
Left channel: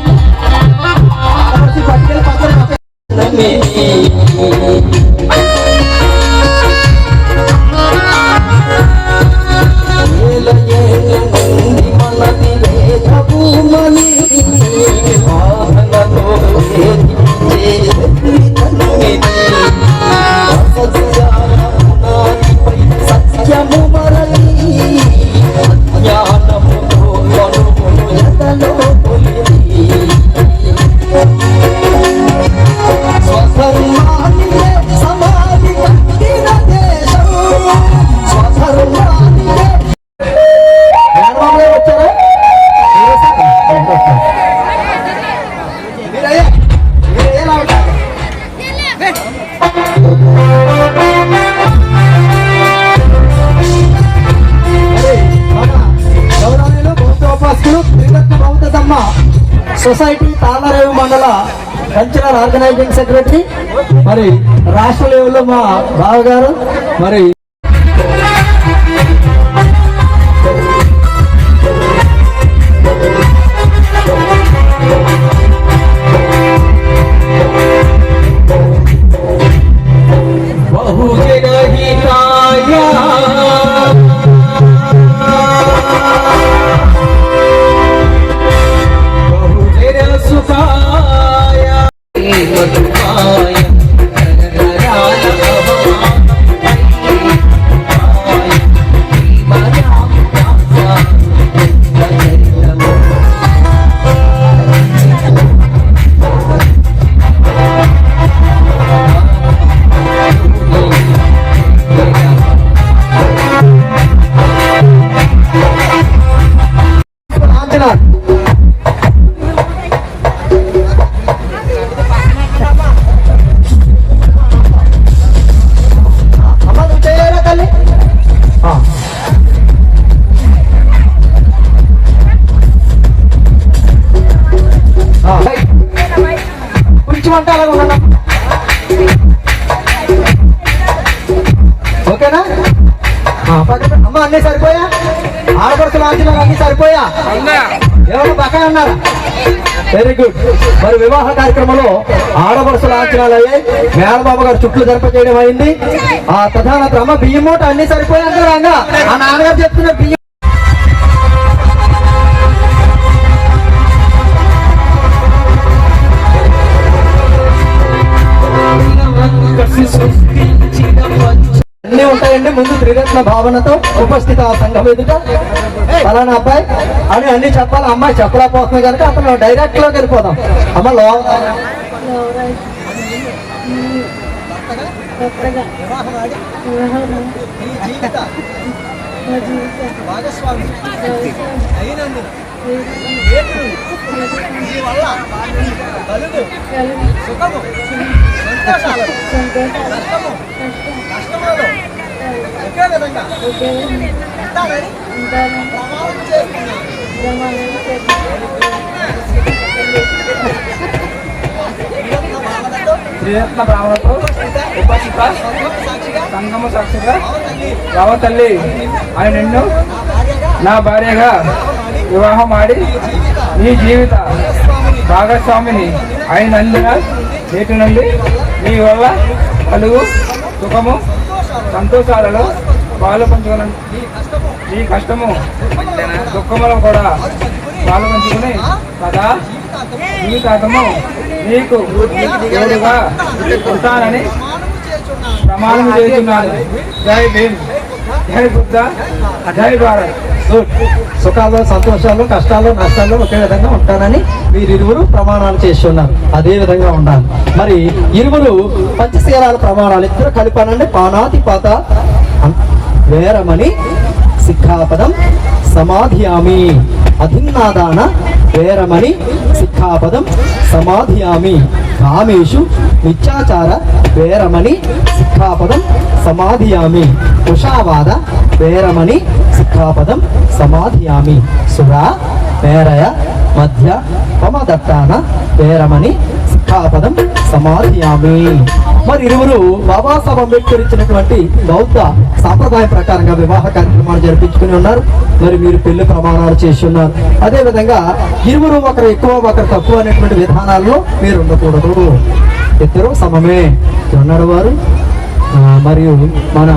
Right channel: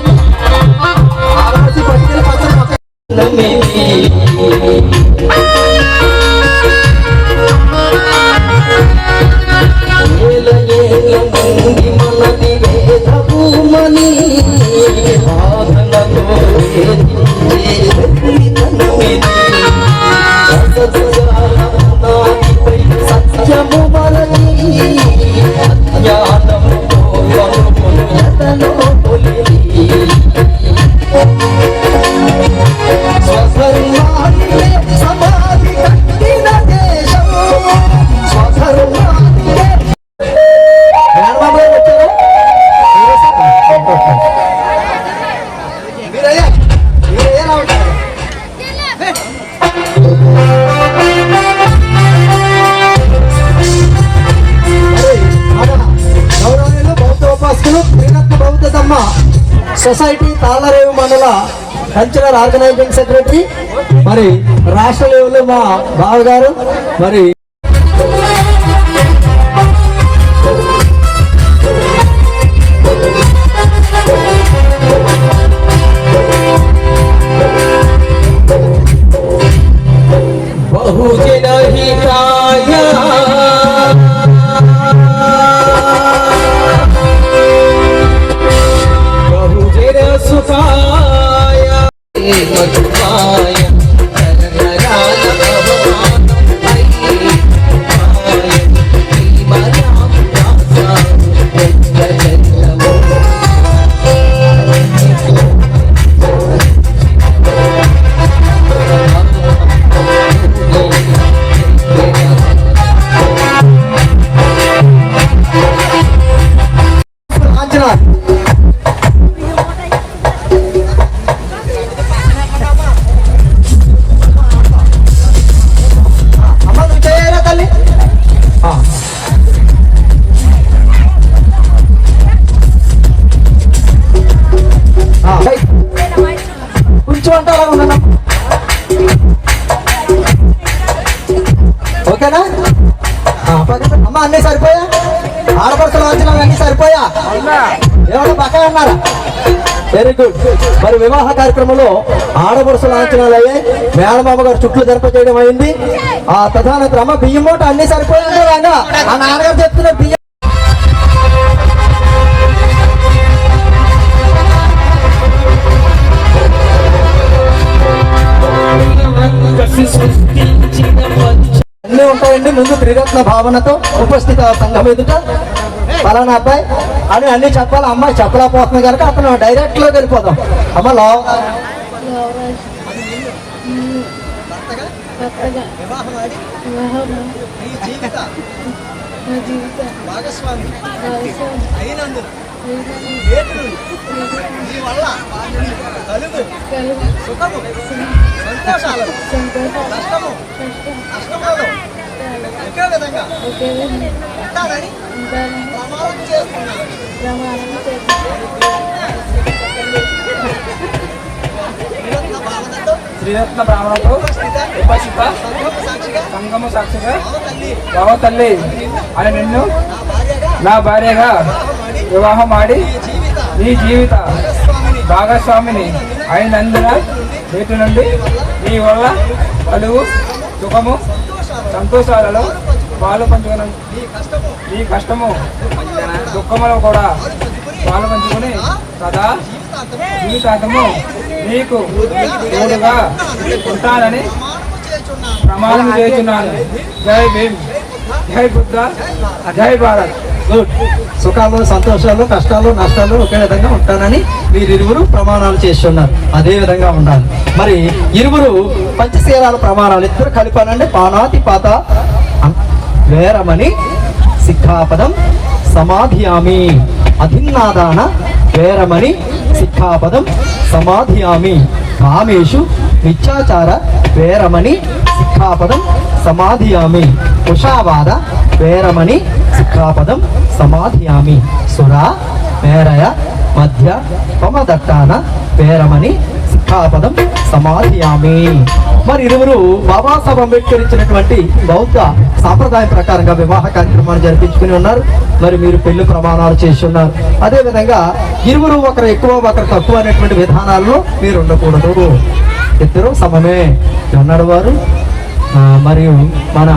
ఆడమసి పట్టుకెళ్ళి పక్కన వచ్చారా? సొసైటీ తాళ్ళరేవు మండల కల్చరల్ ఆర్గనైజింగ్ సెక్రటరీ, మరి రాష్ట్ర లెవెల్లో మా బావగారు, మరి బహుజన హితాయ బహుజన సుఖాయ మధుమాయ నరనరాల భవాయ ప్రేమరామ జన్మజన్మము ఓకేనా? అమ్మ అన్నీ సరిపోయా? ఆడపడుతున్న అంచనాలు అన్నీ సరిపోయా? ఎవరు పక్కన ఉన్నారా? Very good. మరి వివాహ కార్యక్రమంలో ఆడపడుచు లాంఛనాలు అయ్యాయి. మేడమామ గారు చుట్లు జరపచేయడం అయింది. ఆ ప్రధాన అమ్మ బియ్యం మూట అన్ని సరిపోయాక ఆ నాన్నగారు చెప్తున్న బియ్యం అన్ని ఉంటాయండి. ముందు త్రిరత్న భావనతో ఉపస్థిత సంఘం ఎదుట ఫలానా అబ్బాయి అని అన్ని చెప్పాలి. అమ్మాయి చెప్పలేకపోతుంది కనుక అతను డైరెక్ట్ లోకి వెళ్ళిపోదాం. అమ్మ భాగస్వామి అయినందున నీ వల్ల కలుగు సుఖము సంతోషాలను కష్టములలో ఒకే విధంగా ఉంటానని ప్రమాణం చేస్తున్నాను. త్రిరత్న భావనతో ఉపస్థిత సంగమ సాక్షిగా రావ తల్లి అని నిన్ను నా భార్యగా వివాహం ఆడి నీ జీవిత భాగస్వామిని అయినందున నేటి నుండి నీ వల్ల కలుగు సుఖము సంతోషాలలో పాలు పంచుకుని నీ కష్టము దుఃఖములో కూడా పాలు పంచుకుని సదా జీవితాంతము నీకు తోడుగా ఉంటానని ప్రమాణం చేస్తున్నాను. జై భీమ్, జై బుద్ధ, జై భారత్. గుడ్. సుఖాలు సంతోషాలు కష్టాలు నష్టాలు ఒకే విధంగా ఉంటానని వీరిరువురు ప్రమాణాలు చేస్తున్నారు. అదే విధంగా ఉండాలి. మరి ఇరువురు పంచశీలాల ప్రమాణాలు ఇద్దరు కలిపానండి. పానాతి పాత వేరమని సిక్ఖాపదం సమాధియామి. అధిన్నాదాన వేరమని సిక్ఖాపదం సమాధియామి. కామేషు మిథ్యాచార వేరమని సిక్ఖాపదం సమాధియామి. కుషావాద వేరమని సిక్ఖాపదం సమాధియామి. సురా వేరయ మధ్య పమదట్టాన వేరమని సిక్ఖాపదం సమాధియామి. మరి ఇరువురు బాబాసాహెబ్ అంబేద్కర్ ఇచ్చినటువంటి బౌద్ధ సాంప్రదాయం ప్రకారంగా వివాహ కార్యక్రమాలు జరిపించుకుని ఉన్నారు. మరి మీరు పెళ్లి ప్రమాణాలు చేసి ఉన్నారు. అదే విధంగా ఇరువురు ఒకరు ఎక్కువ ఒకరు తక్కువ అనేటువంటి విధానాల్లో మీరు ఉండకూడదు. ఇద్దరు సమమే ఉన్నాడు వారు. మరియు మన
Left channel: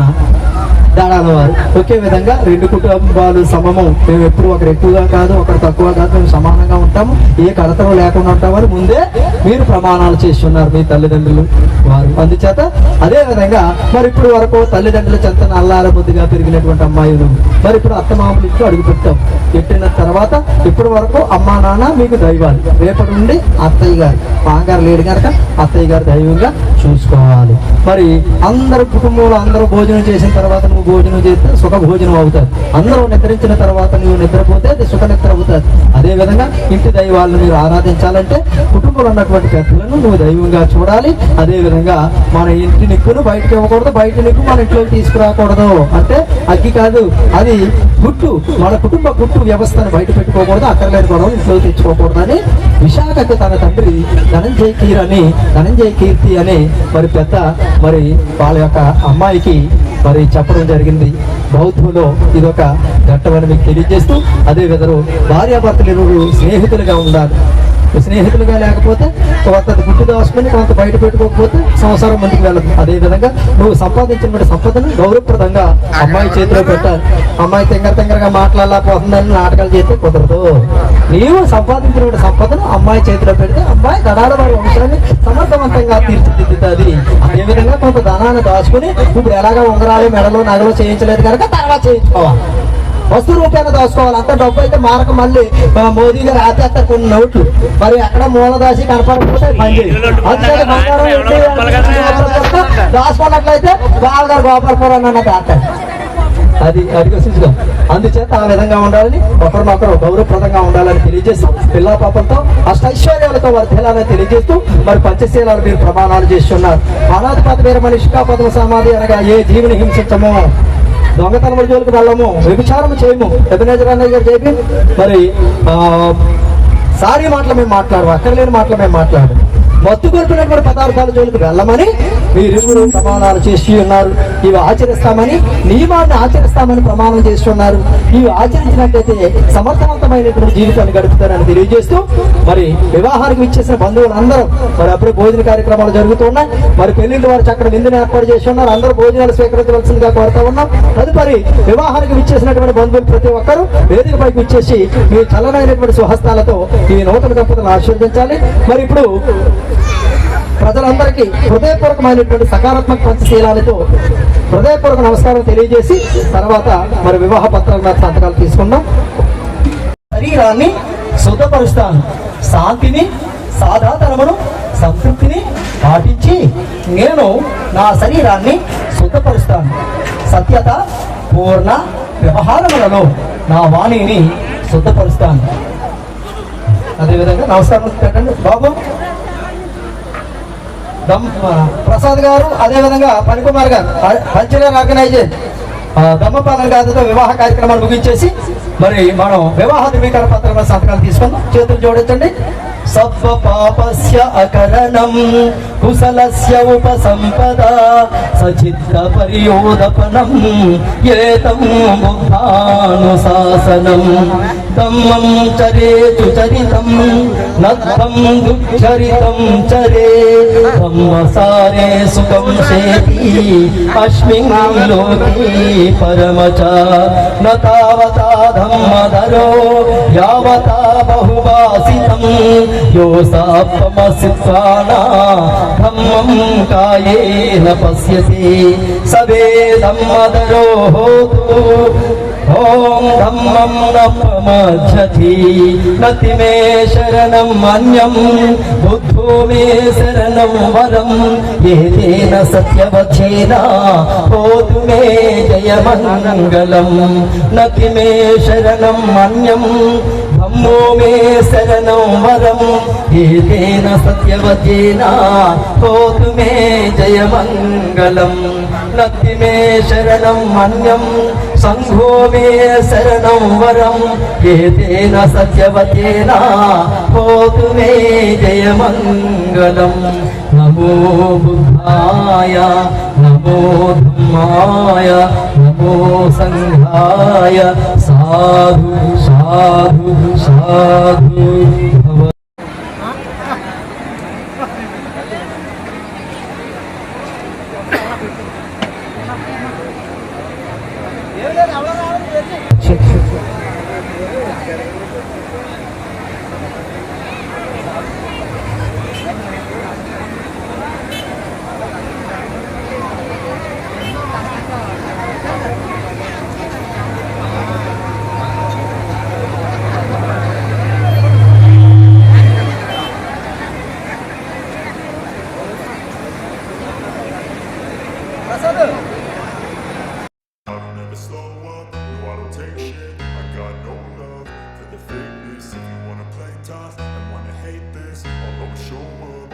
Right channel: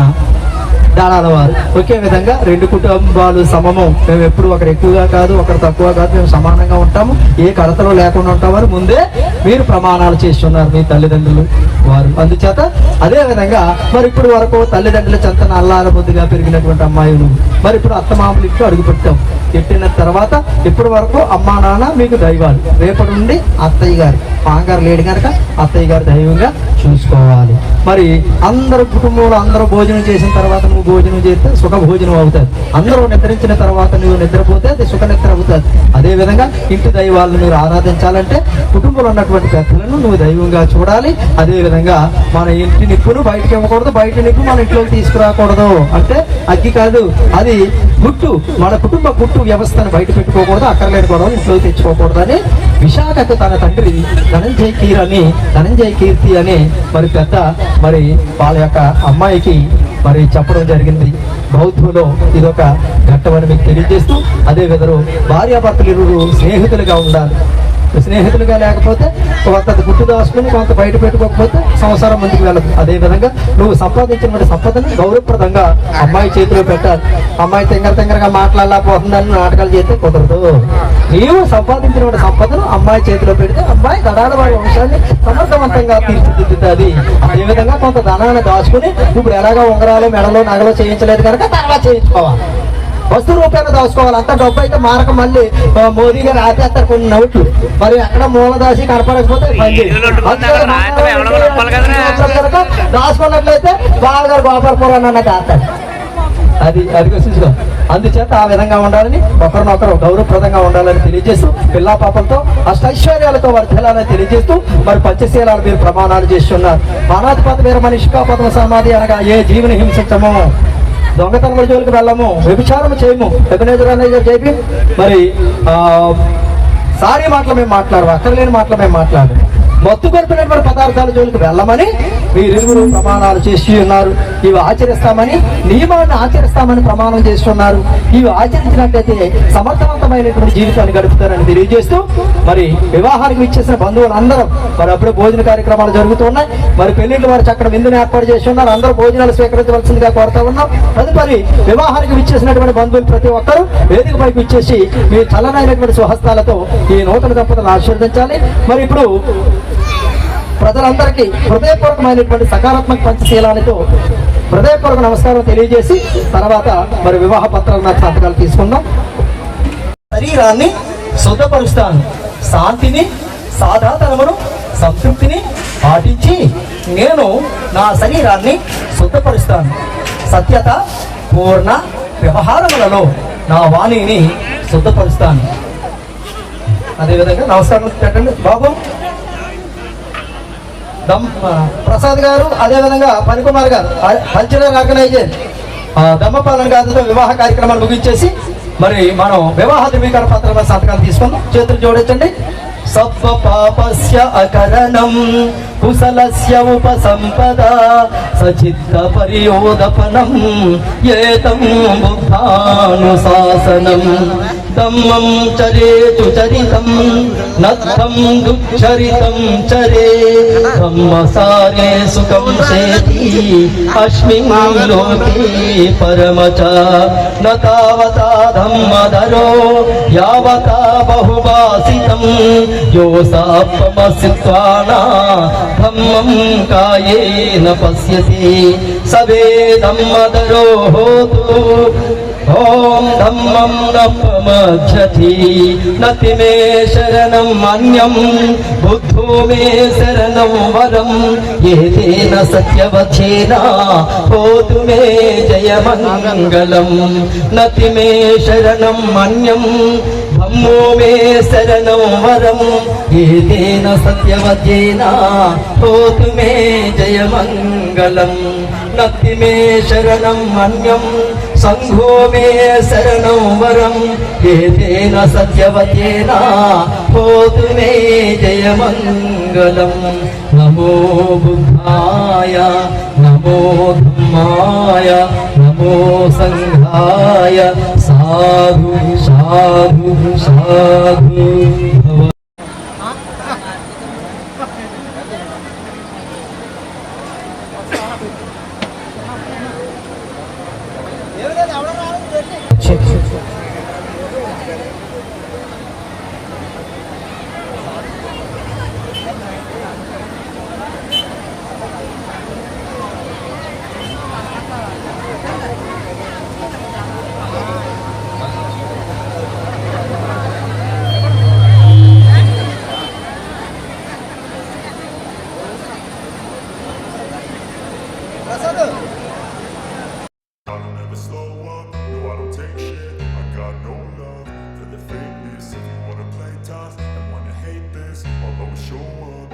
దాడాల వారు ఒకే విధంగా రెండు కుటుంబాలు సమము. మేము ఎప్పుడు ఒకరు ఎక్కువగా కాదు ఒకరు తక్కువ కాదు, మేము సమానంగా ఉంటాము, ఏ కడతలో లేకుండా ఉంటామని ముందే మీరు ప్రమాణాలు చేస్తున్నారు మీ తల్లిదండ్రులు వారు. అందుచేత అదే విధంగా మరి ఇప్పుడు వరకు తల్లిదండ్రుల చెంతన అల్లార బుద్ధిగా పెరిగినటువంటి అమ్మాయిలు మరి ఇప్పుడు అత్తమామలు ఇంట్లో అడుగు పెట్టాం. పెట్టిన తర్వాత ఇప్పటి వరకు అమ్మా నాన్న మీకు దైవాలు. రేపటి నుండి అత్తయ్య గారు, మామగారు లేడు కనుక అత్తయ్య గారు దైవంగా చూసుకోవాలి. మరి అందరు కుటుంబంలో అందరూ భోజనం చేసిన తర్వాత నువ్వు భోజనం చేస్తే సుఖ భోజనం అవుతుంది. అందరూ నిద్రించిన తర్వాత నువ్వు నిద్రపోతే అది సుఖ నిద్ర అవుతుంది. అదేవిధంగా ఇంటి దైవాలను మీరు ఆరాధించాలంటే కుటుంబంలో ఉన్నటువంటి పెద్దలను నువ్వు దైవంగా చూడాలి. అదేవిధంగా మన ఇంటి నిప్పును బయటకు ఇవ్వకూడదు, బయట నిప్పు మన ఇంట్లోకి తీసుకురాకూడదు. అంటే అగ్గి కాదు, అది గుట్టు, మన కుటుంబ గుట్టు వ్యవస్థను బయట పెట్టుకోకూడదు, అక్కర్లేని గొడవలు ఇంట్లోకి తెచ్చుకోకూడదు అని విశాఖకు తన తండ్రి ధనంజయ కీర్తి అని మరి పెద్ద మరి వాళ్ళ యొక్క అమ్మాయికి మరి చెప్పడం జరిగింది. బౌద్ధంలో ఇదొక ఘట్టమని మీకు తెలియజేస్తూ, అదే విధంగా భార్యాభర్తలు ఇరువురు స్నేహితులుగా ఉండాలి. స్నేహితులుగా లేకపోతే కొంత గుట్టు దాచుకుని కొంత బయట పెట్టుకోకపోతే సంవత్సరం ముందుకు వెళ్ళదు. అదేవిధంగా నువ్వు సంపాదించిన సంపదను గౌరవప్రదంగా అమ్మాయి చేతిలో పెట్టాలి. అమ్మాయి తెంగరగా మాట్లాడలేకపోతుందని నాటకాలు చేస్తే కుదరదు. నీవు సంపాదించిన సంపదను అమ్మాయి చేతిలో పెడితే అమ్మాయి గడాల వారి వంశాన్ని సమర్థవంతంగా తీర్చిదిద్దుతుంది. అదేవిధంగా కొంత ధనాన్ని దాచుకుని ఇప్పుడు ఎలాగా ఉంగరాలు మెడలో నగలు చేయించలేదు కనుక తర్వాత చేయించుకోవాలి. వస్తు రూపాయలు దాచుకోవాలి. అంత డబ్బు అయితే మారక మళ్ళీ మోదీ గారు ఆచేస్తారు కొన్ని నోట్లు, మరి అక్కడ మూల దాచి కనపడకపోతే దాచుకున్నట్లయితే బాలగారు గోపాలపురం అన్న దాటారు. అది చూసాం. అందుచేత ఆ విధంగా ఉండాలని, ఒకరినొకరు గౌరవప్రదంగా ఉండాలని తెలియజేస్తూ, పిల్లా పాపంతో అష్టైశ్వర్యాలతో వర్ధిల్లాలని తెలియజేస్తూ మరి పంచశీలాలు మీరు ప్రమాణాలు చేస్తున్నారు. మానాధిపతి వీర మనిషికా పద్మ సమాధి అనగా ఏ జీవిని హింసించము, దొంగతనముల జోలికి వెళ్ళము, వ్యభిచారం చేయము, చెప్పి మరి సారీ మాటలు మేము మాట్లాడము, అక్కర్లేని మాటలు మేము మాట్లాడము, మత్తు కొడుతున్నటువంటి పదార్థాల జోలికి వెళ్ళమని మీరిరువురు ప్రమాణాలు చేసి ఉన్నారు. ఇవి ఆచరిస్తామని, నియమాన్ని ఆచరిస్తామని ప్రమాణం చేస్తున్నారు. ఇవి ఆచరించినట్లయితే సమర్థవంతమైనటువంటి జీవితాన్ని గడుపుతారని తెలియజేస్తూ మరి వివాహానికి ఇచ్చేసిన బంధువులందరూ మరి అప్పుడే భోజన కార్యక్రమాలు జరుగుతున్నాయి. మరి పెళ్లిళ్ళు వారు చక్కటి విందుని ఏర్పాటు చేసి ఉన్నారు. అందరూ భోజనాలు స్వీకరించవలసిందిగా కోరుతా ఉన్నాం. తదుపరి వివాహానికి విచ్చేసినటువంటి బంధువులు ప్రతి ఒక్కరూ వేదిక పైకి ఇచ్చేసి మీ చల్లనైనటువంటి స్వహస్తాలతో ఈ నూతన దంపతులను ఆశీర్వదించాలి. మరి ఇప్పుడు ప్రజలందరికీ హృదయపూర్వకమైనటువంటి సకారాత్మక పంచశీలాలతో హృదయపూర్వక నమస్కారం తెలియజేసి తర్వాత మరి వివాహ పత్రాల మీద సంతకాలు తీసుకున్నాం. శరీరాన్ని శుద్ధపరుస్తాను, శాంతిని, సాధాతనమును, సంతృప్తిని పాటించి నేను నా శరీరాన్ని శుద్ధపరుస్తాను. సత్యత, పూర్ణ వ్యవహారములలో నా వాణిని శుద్ధపరుస్తాను. అదేవిధంగా నమస్కారం పెట్టండి బాబు. ప్రసాద్ గారు, అదేవిధంగా పనికుమార్ గారు కల్చరల్ ఆర్గనైజర్ దమ్మపాలన గారితో వివాహ కార్యక్రమాలు ముగించేసి మరి మనం వివాహ ధృవీకరణ పత్రాల సంతకాలు తీసుకుందాం. చేతులు జోడించండి. సర్వ పాపస్య అకరణం కుశలస్య ఉపసంపద సచిత్త పరియోదపనం ఏతం బుద్ధానుశాసనం దమ్మం చరేతు చరితం నత్వం దుఃచరితం చరే బ్రహ్మసారే సుఖం శేతి అస్మిన్ లోకే పరమచ నతావతా ధమ్మధరో యావతా బహువాసితం యోసాత్మసిత్వానా ధమ్మం కాయేన పశ్యతి సవే ధమ్మధరో హోతు ఓం ధమ్మం నపమజ్జతి నతి మే శరణం అన్యం బుద్ధో మే శరణం వరం ఏతేన సత్యవచేన హోతు మే జయమంగళం నతి మే శరణం అన్యం ధమ్మో మే శరణం వరం ఏతేన సత్యవచేన హోతు మే జయమంగళం నతి మే శరణం అన్యం సంఘో మే శరణం వరం ఏతేన సత్యవతేన హోతు మే జయమంగళం. నమో బుద్ధాయ, నమో ధమ్మాయ, నమో సంఘాయ. సాధు సాధు సాధు భవ. show up.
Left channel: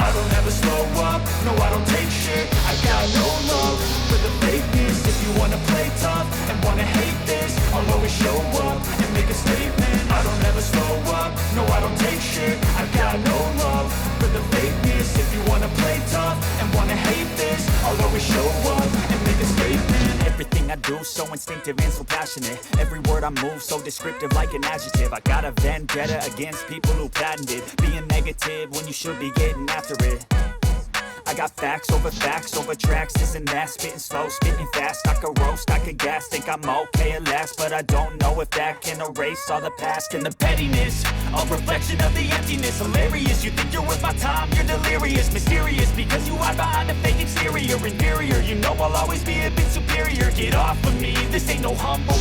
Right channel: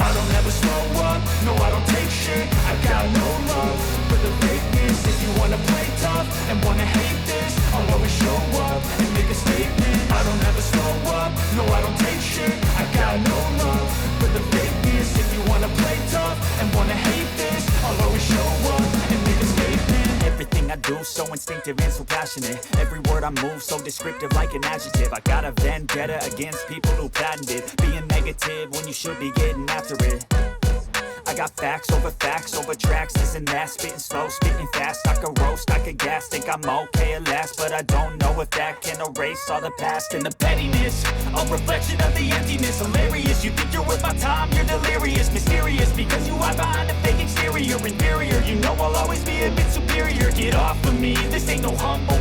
I don't ever slow up, no I don't take shit. I got no love for the fakeness. If you wanna play tough and wanna hate this, I'll always show up and make a statement. I don't ever slow up, no I don't take shit. I got no love for the fakeness. If you wanna play tough and wanna hate this, I'll always show up and make a statement. Everything I do so instinctive and so passionate. Every word I move so descriptive like an adjective. I got a vendetta against people who patented being negative when you should be getting after it. I got facts over tracks, this and that. Spitting slow, spitting fast. I could roast, I could gas. Think I'm okay at last, but I don't know if that can erase all the past. And the pettiness, a reflection of the emptiness. Hilarious, you think you're worth my time, you're delirious. Mysterious, because you hide behind a fake exterior. Inferior, you know I'll always be a bit superior. Get off of me, this ain't no humble